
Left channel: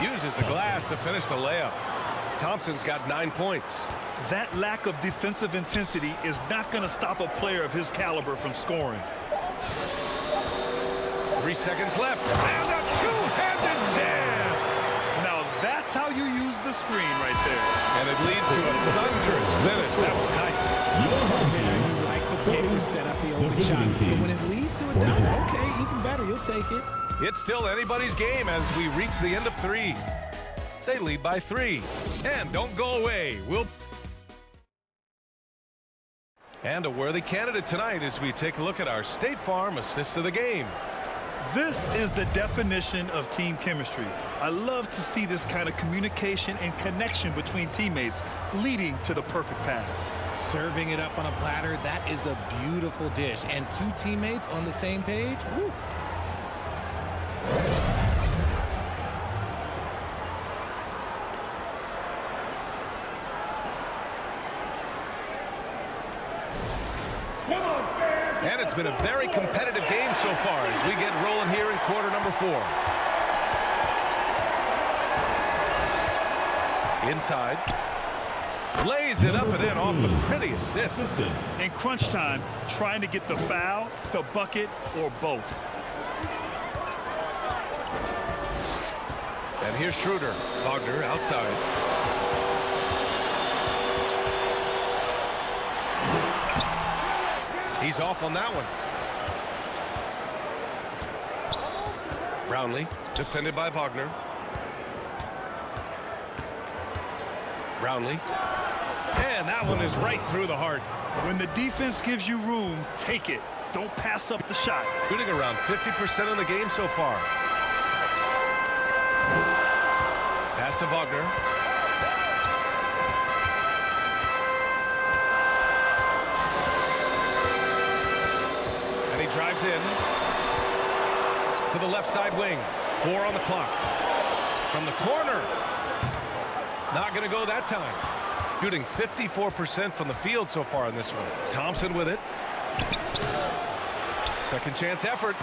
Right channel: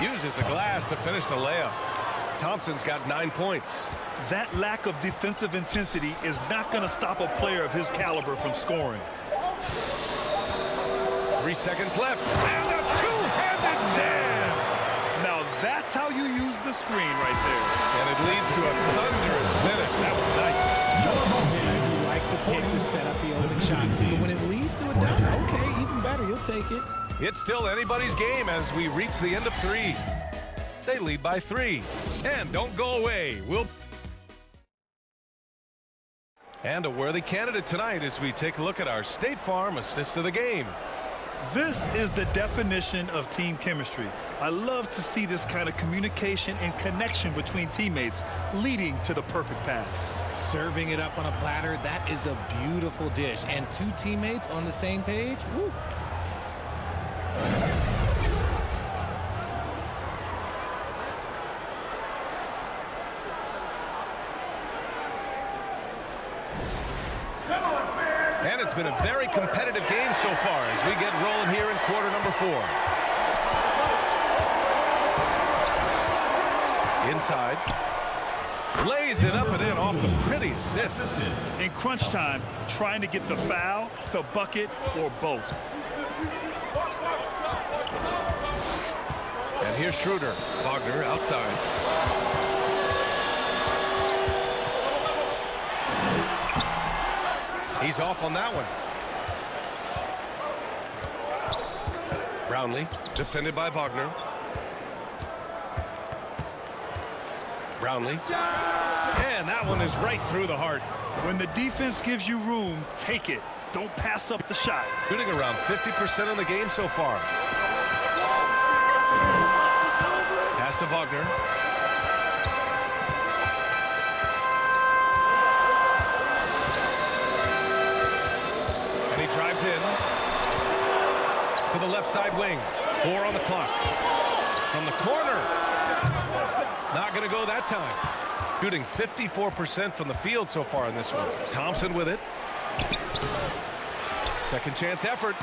Uses the glass to finish the layup. Thompson's got 9 points. That lack of defensive intensity is not going to stop a player of his caliber from scoring. 3 seconds left. And a two-handed jam. Now that's how you use the screen right there. And it leads to a thunderous finish. That was nice. You like the pick to set up the open shot. But when it leads to a dunk, okay, even better. You'll take it. It's still anybody's game as we reach the end of 3. They lead by 3. And don't go away. And a worthy candidate tonight as we take a look at our State Farm assist of the game. This is the definition of team chemistry. I love to see this kind of communication and connection between teammates leading to the perfect pass. Serving it up on a platter, that is a beautiful dish. And 2 teammates on the same page, woo. And it's been a very competitive game so far as we get rolling here in quarter number 4. Inside. Lays it up and in off the pretty assist. In crunch time, trying to get the foul, the bucket, or both. And here's Schroeder. Wagner outside. He's off on that one. Brownlee, defended by Wagner. Brownlee. And that one is right through the heart. When the defense gives you room, take it. Don't pass up the shot. Shooting around 50% in the game so far. Pass to Wagner. And he drives in to the left side wing. 4 on the clock. From the corner. Not going to go that time. Shooting 54% from the field so far in this one. Thompson with it. Second chance effort.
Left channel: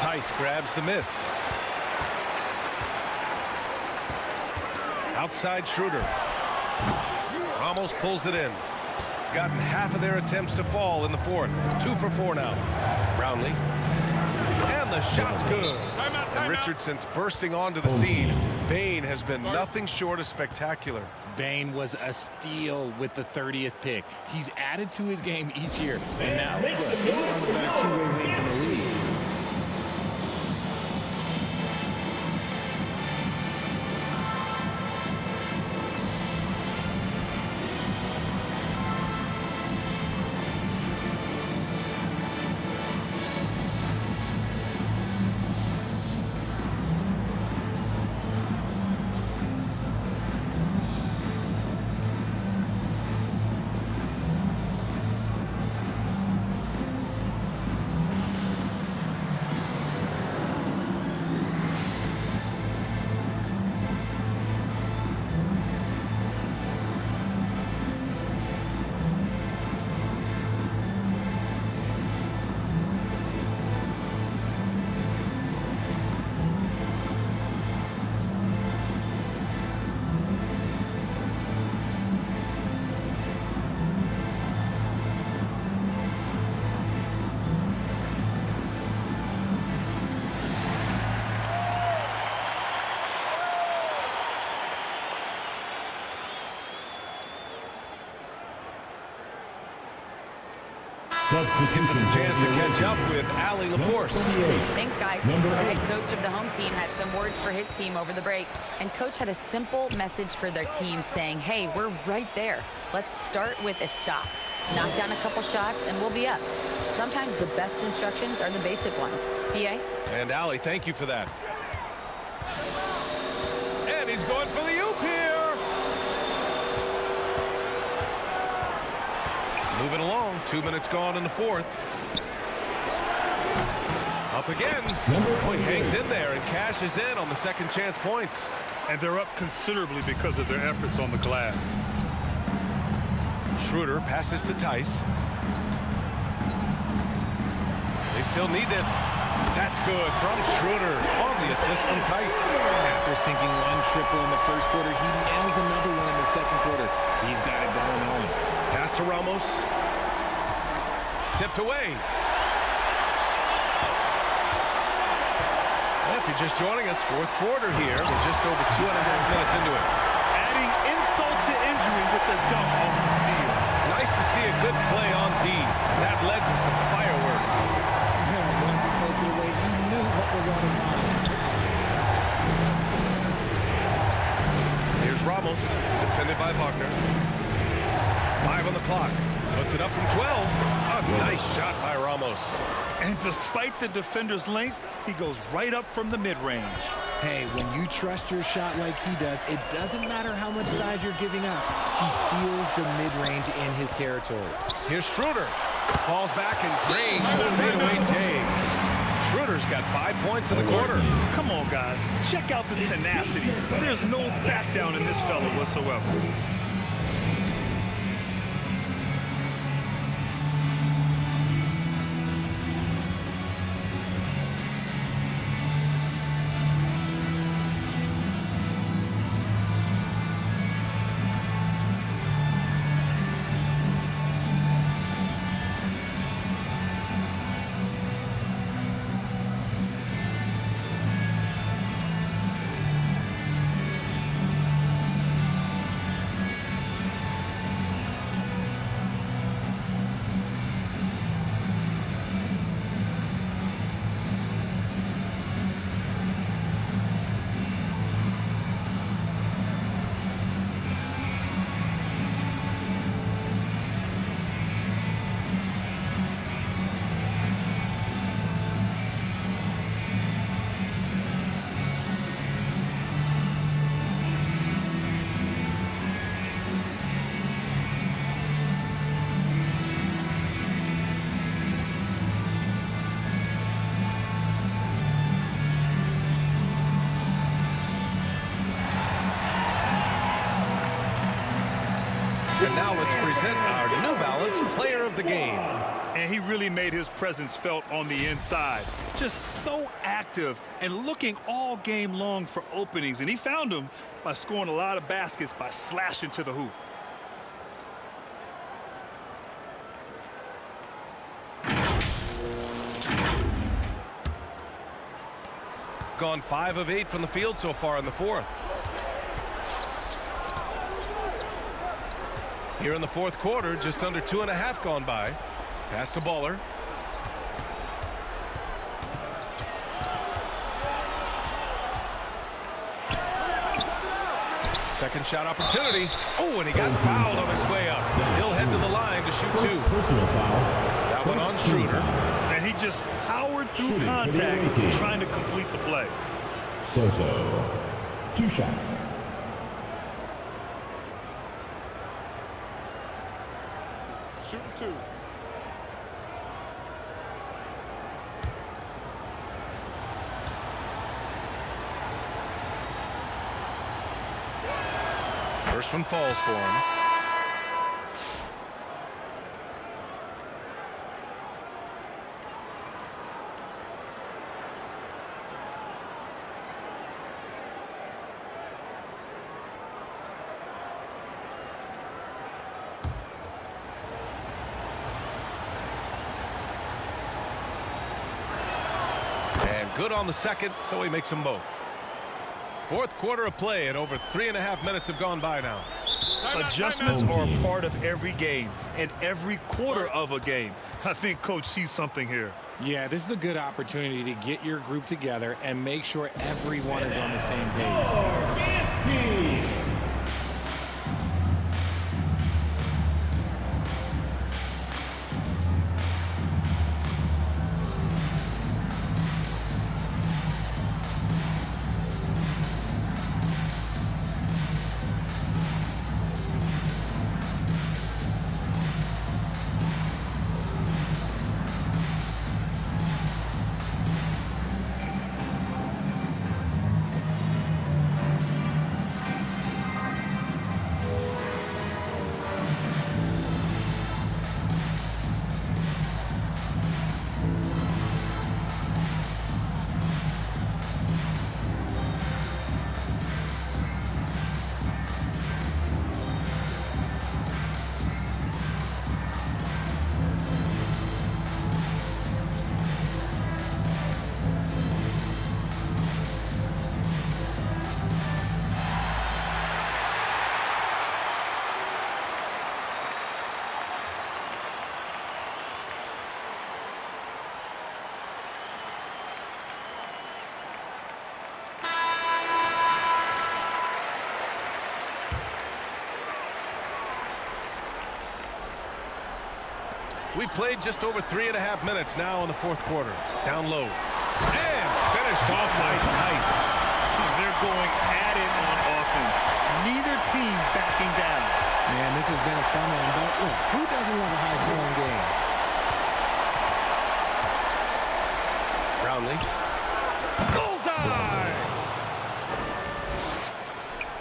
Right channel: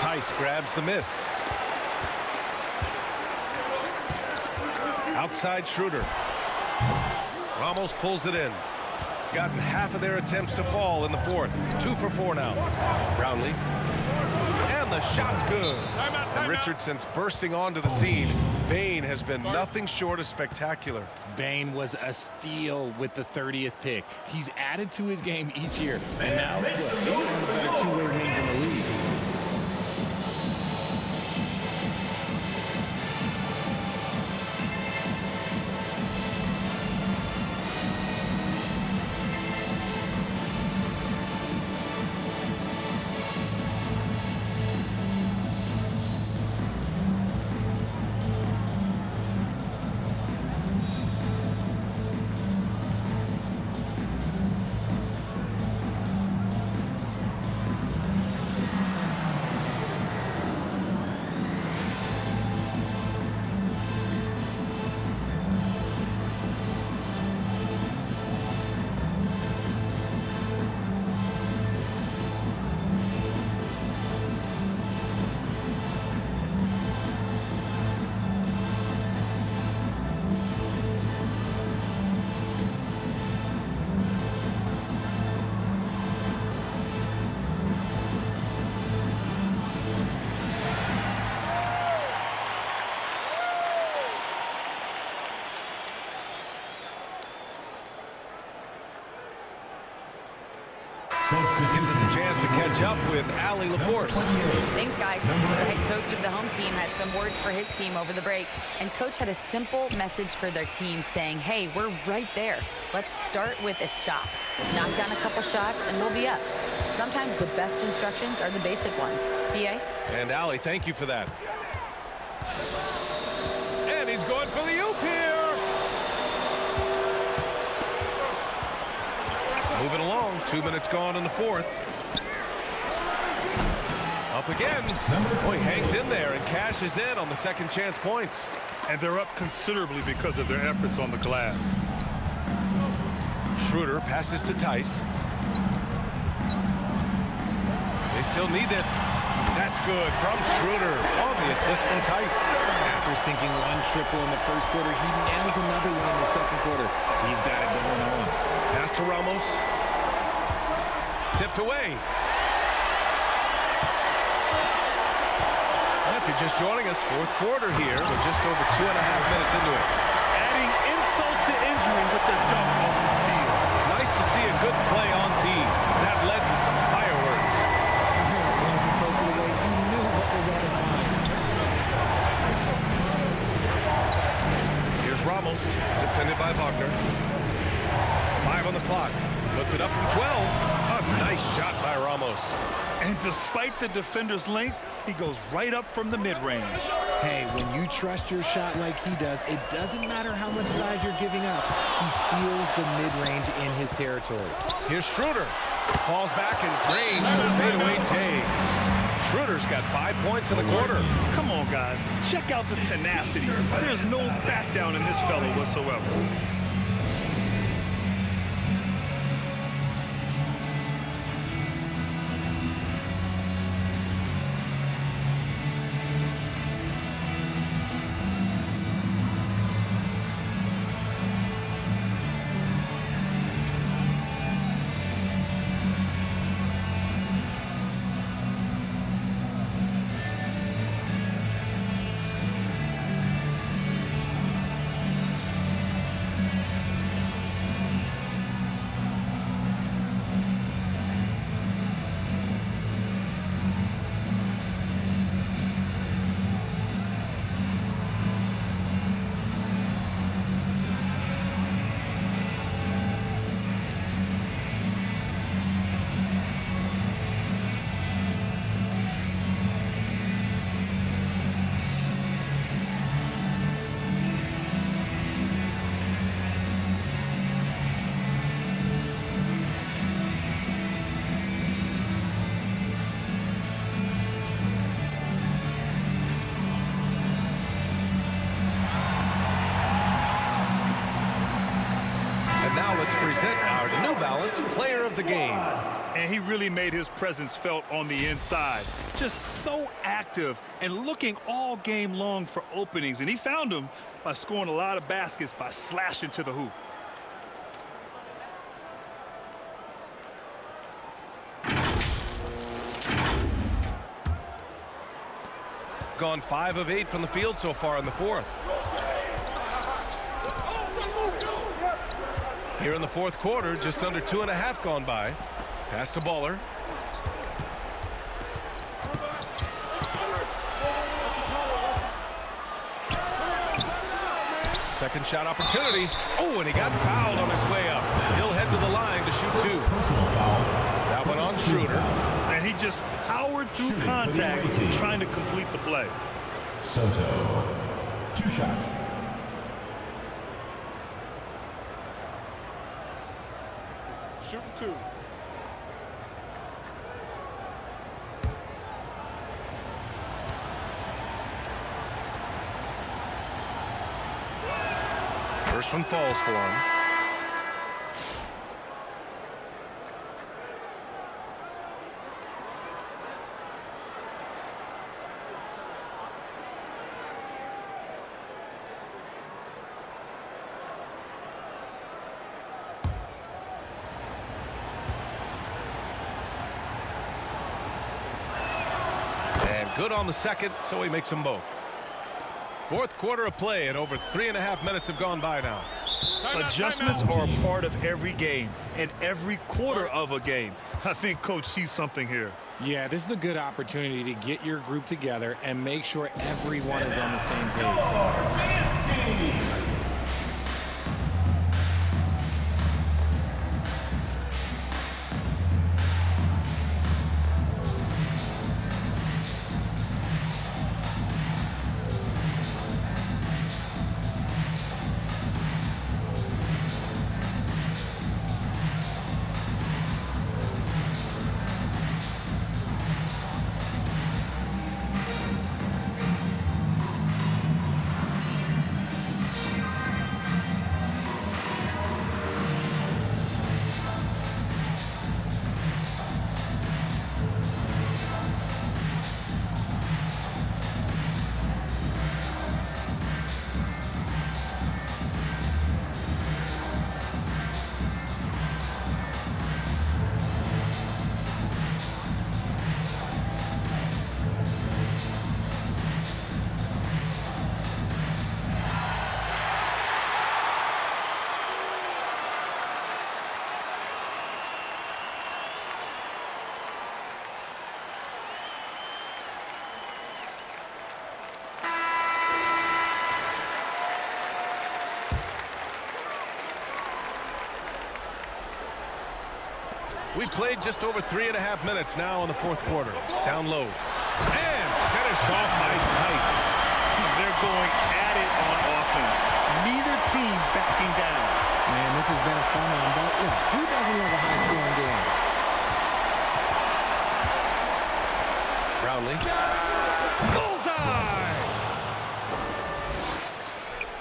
Tice grabs the miss. Outside Schroeder. Ramos pulls it in. Gotten half of their attempts to fall in the fourth. 2 for 4 now. Brownlee. And the shot's good. And Richardson's bursting onto the scene. Bane has been nothing short of spectacular. Bane was a steal with the 30th pick. He's added to his game each year. And now, look, he's one of the better two-way wings in the league. Gives us a chance to catch up with Allie LaForce. Thanks, guys. The head coach of the home team had some words for his team over the break. And coach had a simple message for their team saying, hey, we're right there. Let's start with a stop. Knock down a couple shots and we'll be up. Sometimes the best instructions are the basic ones. PA? And Allie, thank you for that. And he's going for the oop here. Moving along, 2 minutes gone in the fourth. Up again. Oh, he hangs in there and cashes in on the second chance points. And they're up considerably because of their efforts on the glass. Schroeder passes to Tice. They still need this. That's good from Schroeder on the assist from Tice. After sinking one triple in the first quarter, he nails another one in the second quarter. He's got it going on. Pass to Ramos. Tipped away. If you're just joining us, fourth quarter here. We're just over 2.5 minutes into it. Adding insult to injury with the dunk off the steal. Nice to see a good play on D. That led to some fireworks. Once he poked it away, you knew what was on his mind. Here's Ramos, defended by Wagner. 5 on the clock. Puts it up from 12. A nice shot by Ramos. And despite the defender's length, he goes right up from the mid-range. Hey, when you trust your shot like he does, it doesn't matter how much size you're giving up. He feels the mid-range in his territory. Here's Schroeder. Falls back and drains the fadeaway J. Schroeder's got 5 points in the quarter. Come on, guys. Check out the tenacity. There's no back down in this fellow whatsoever. And now let's present our New Balance Player of the Game. And he really made his presence felt on the inside. Just so active and looking all game long for openings. And he found them by scoring a lot of baskets by slashing to the hoop. Gone 5 of 8 from the field so far in the fourth. Here in the fourth quarter, just under 2.5 gone by. Pass to Baller. Second shot opportunity. Oh, and he got fouled on his way up. He'll head to the line to shoot 2. Personal foul. That one on Schroeder. And he just powered through contact trying to complete the play. Soto. 2 shots. Shooting 2. First one falls for him. And good on the second, so he makes them both. Fourth quarter of play, and over 3.5 minutes have gone by now. Adjustments are a part of every game and every quarter of a game. I think Coach sees something here. Yeah, this is a good opportunity to get your group together and make sure everyone is on the same page. Dance team. We've played just over 3.5 minutes now in the fourth quarter. Down low. And finished off by Tice. They're going at it on offense. Neither team backing down. Man, this has been a fun one, but look, who doesn't love a high-scoring game? Brownlee. Bullseye!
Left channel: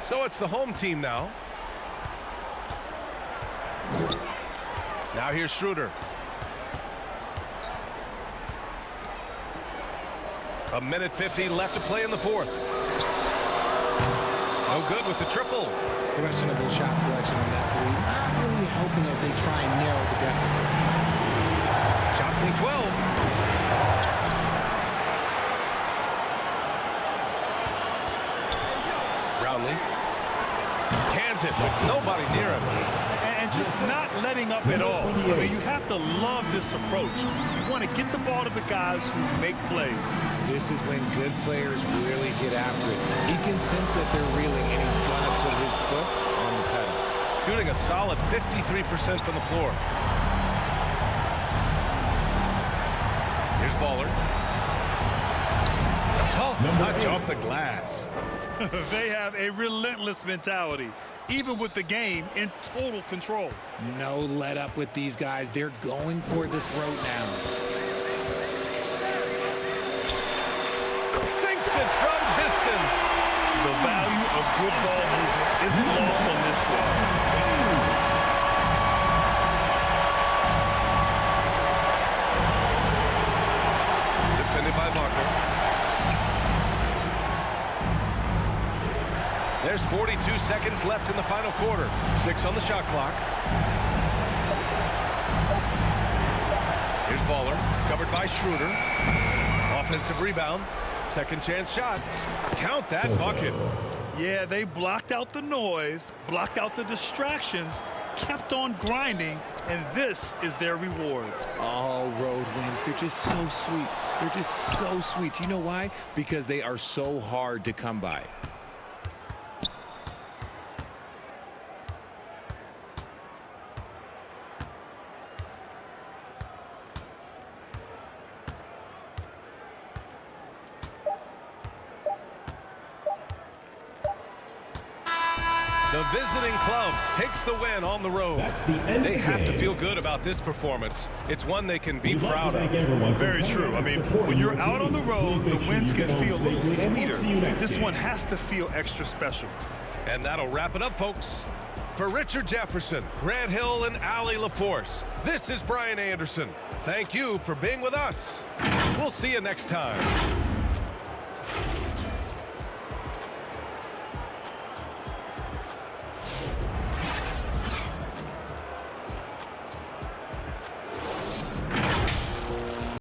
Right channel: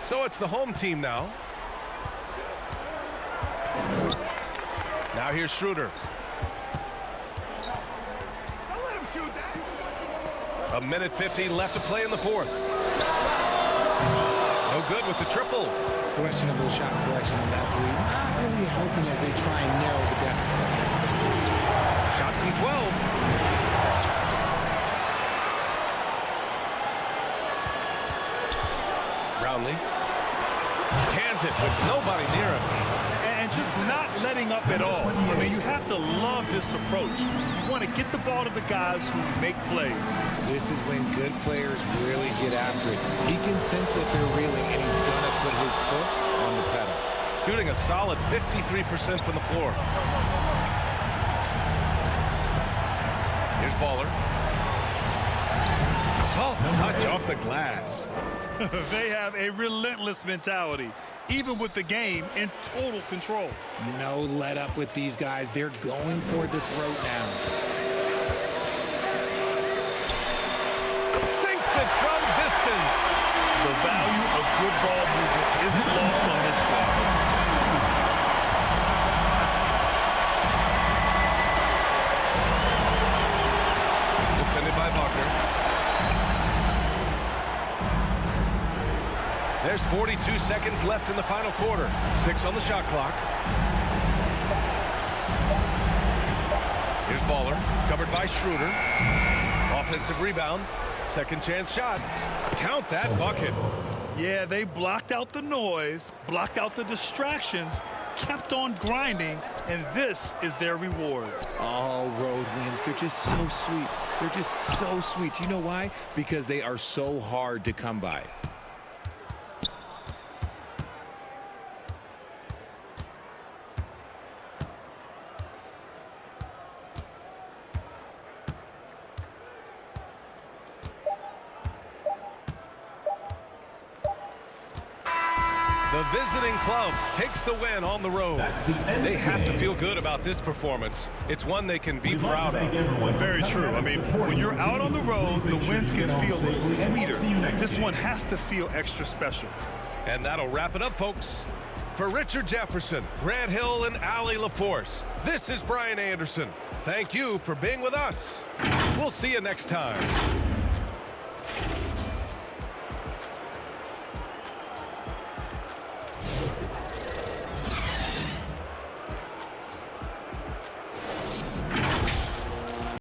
So it's the home team now. Now here's Schroeder. A minute 50 left to play in the fourth. No good with the triple. Questionable shot selection on that three. Not really helping as they try and narrow the deficit. Shot from 12. Brownlee. Cans it with nobody near him. And just not letting up at all. I mean, you have to love this approach. You want to get the ball to the guys who make plays. This is when good players really get after it. He can sense that they're reeling, and he's going to put his foot on the pedal. Shooting a solid 53% from the floor. Here's Baller. Soft touch off the glass. They have a relentless mentality, even with the game in total control. No let up with these guys. They're going for the throat now. Sinks it from distance. The value of good ball movement isn't lost on this squad. Defended by Wagner. There's 42 seconds left in the final quarter. 6 on the shot clock. Here's Baller, covered by Schroeder. Offensive rebound. Second chance shot. Count that bucket. Yeah, they blocked out the noise, blocked out the distractions, kept on grinding, and this is their reward. All road wins. They're just so sweet. They're just so sweet. You know why? Because they are so hard to come by. The visiting club takes the win on the road. That's the end They of the have to game. feel good about this performance. It's one they can be We'd like proud to thank of. everyone for Very coming true. out I and mean, supporting when you're your out team. on the road, Please the make sure wins you can get home feel a little safely, and we'll sweeter. see you next This game. one has to feel extra special. And that'll wrap it up, folks. For Richard Jefferson, Grant Hill, and Allie LaForce, this is Brian Anderson. Thank you for being with us. We'll see you next time.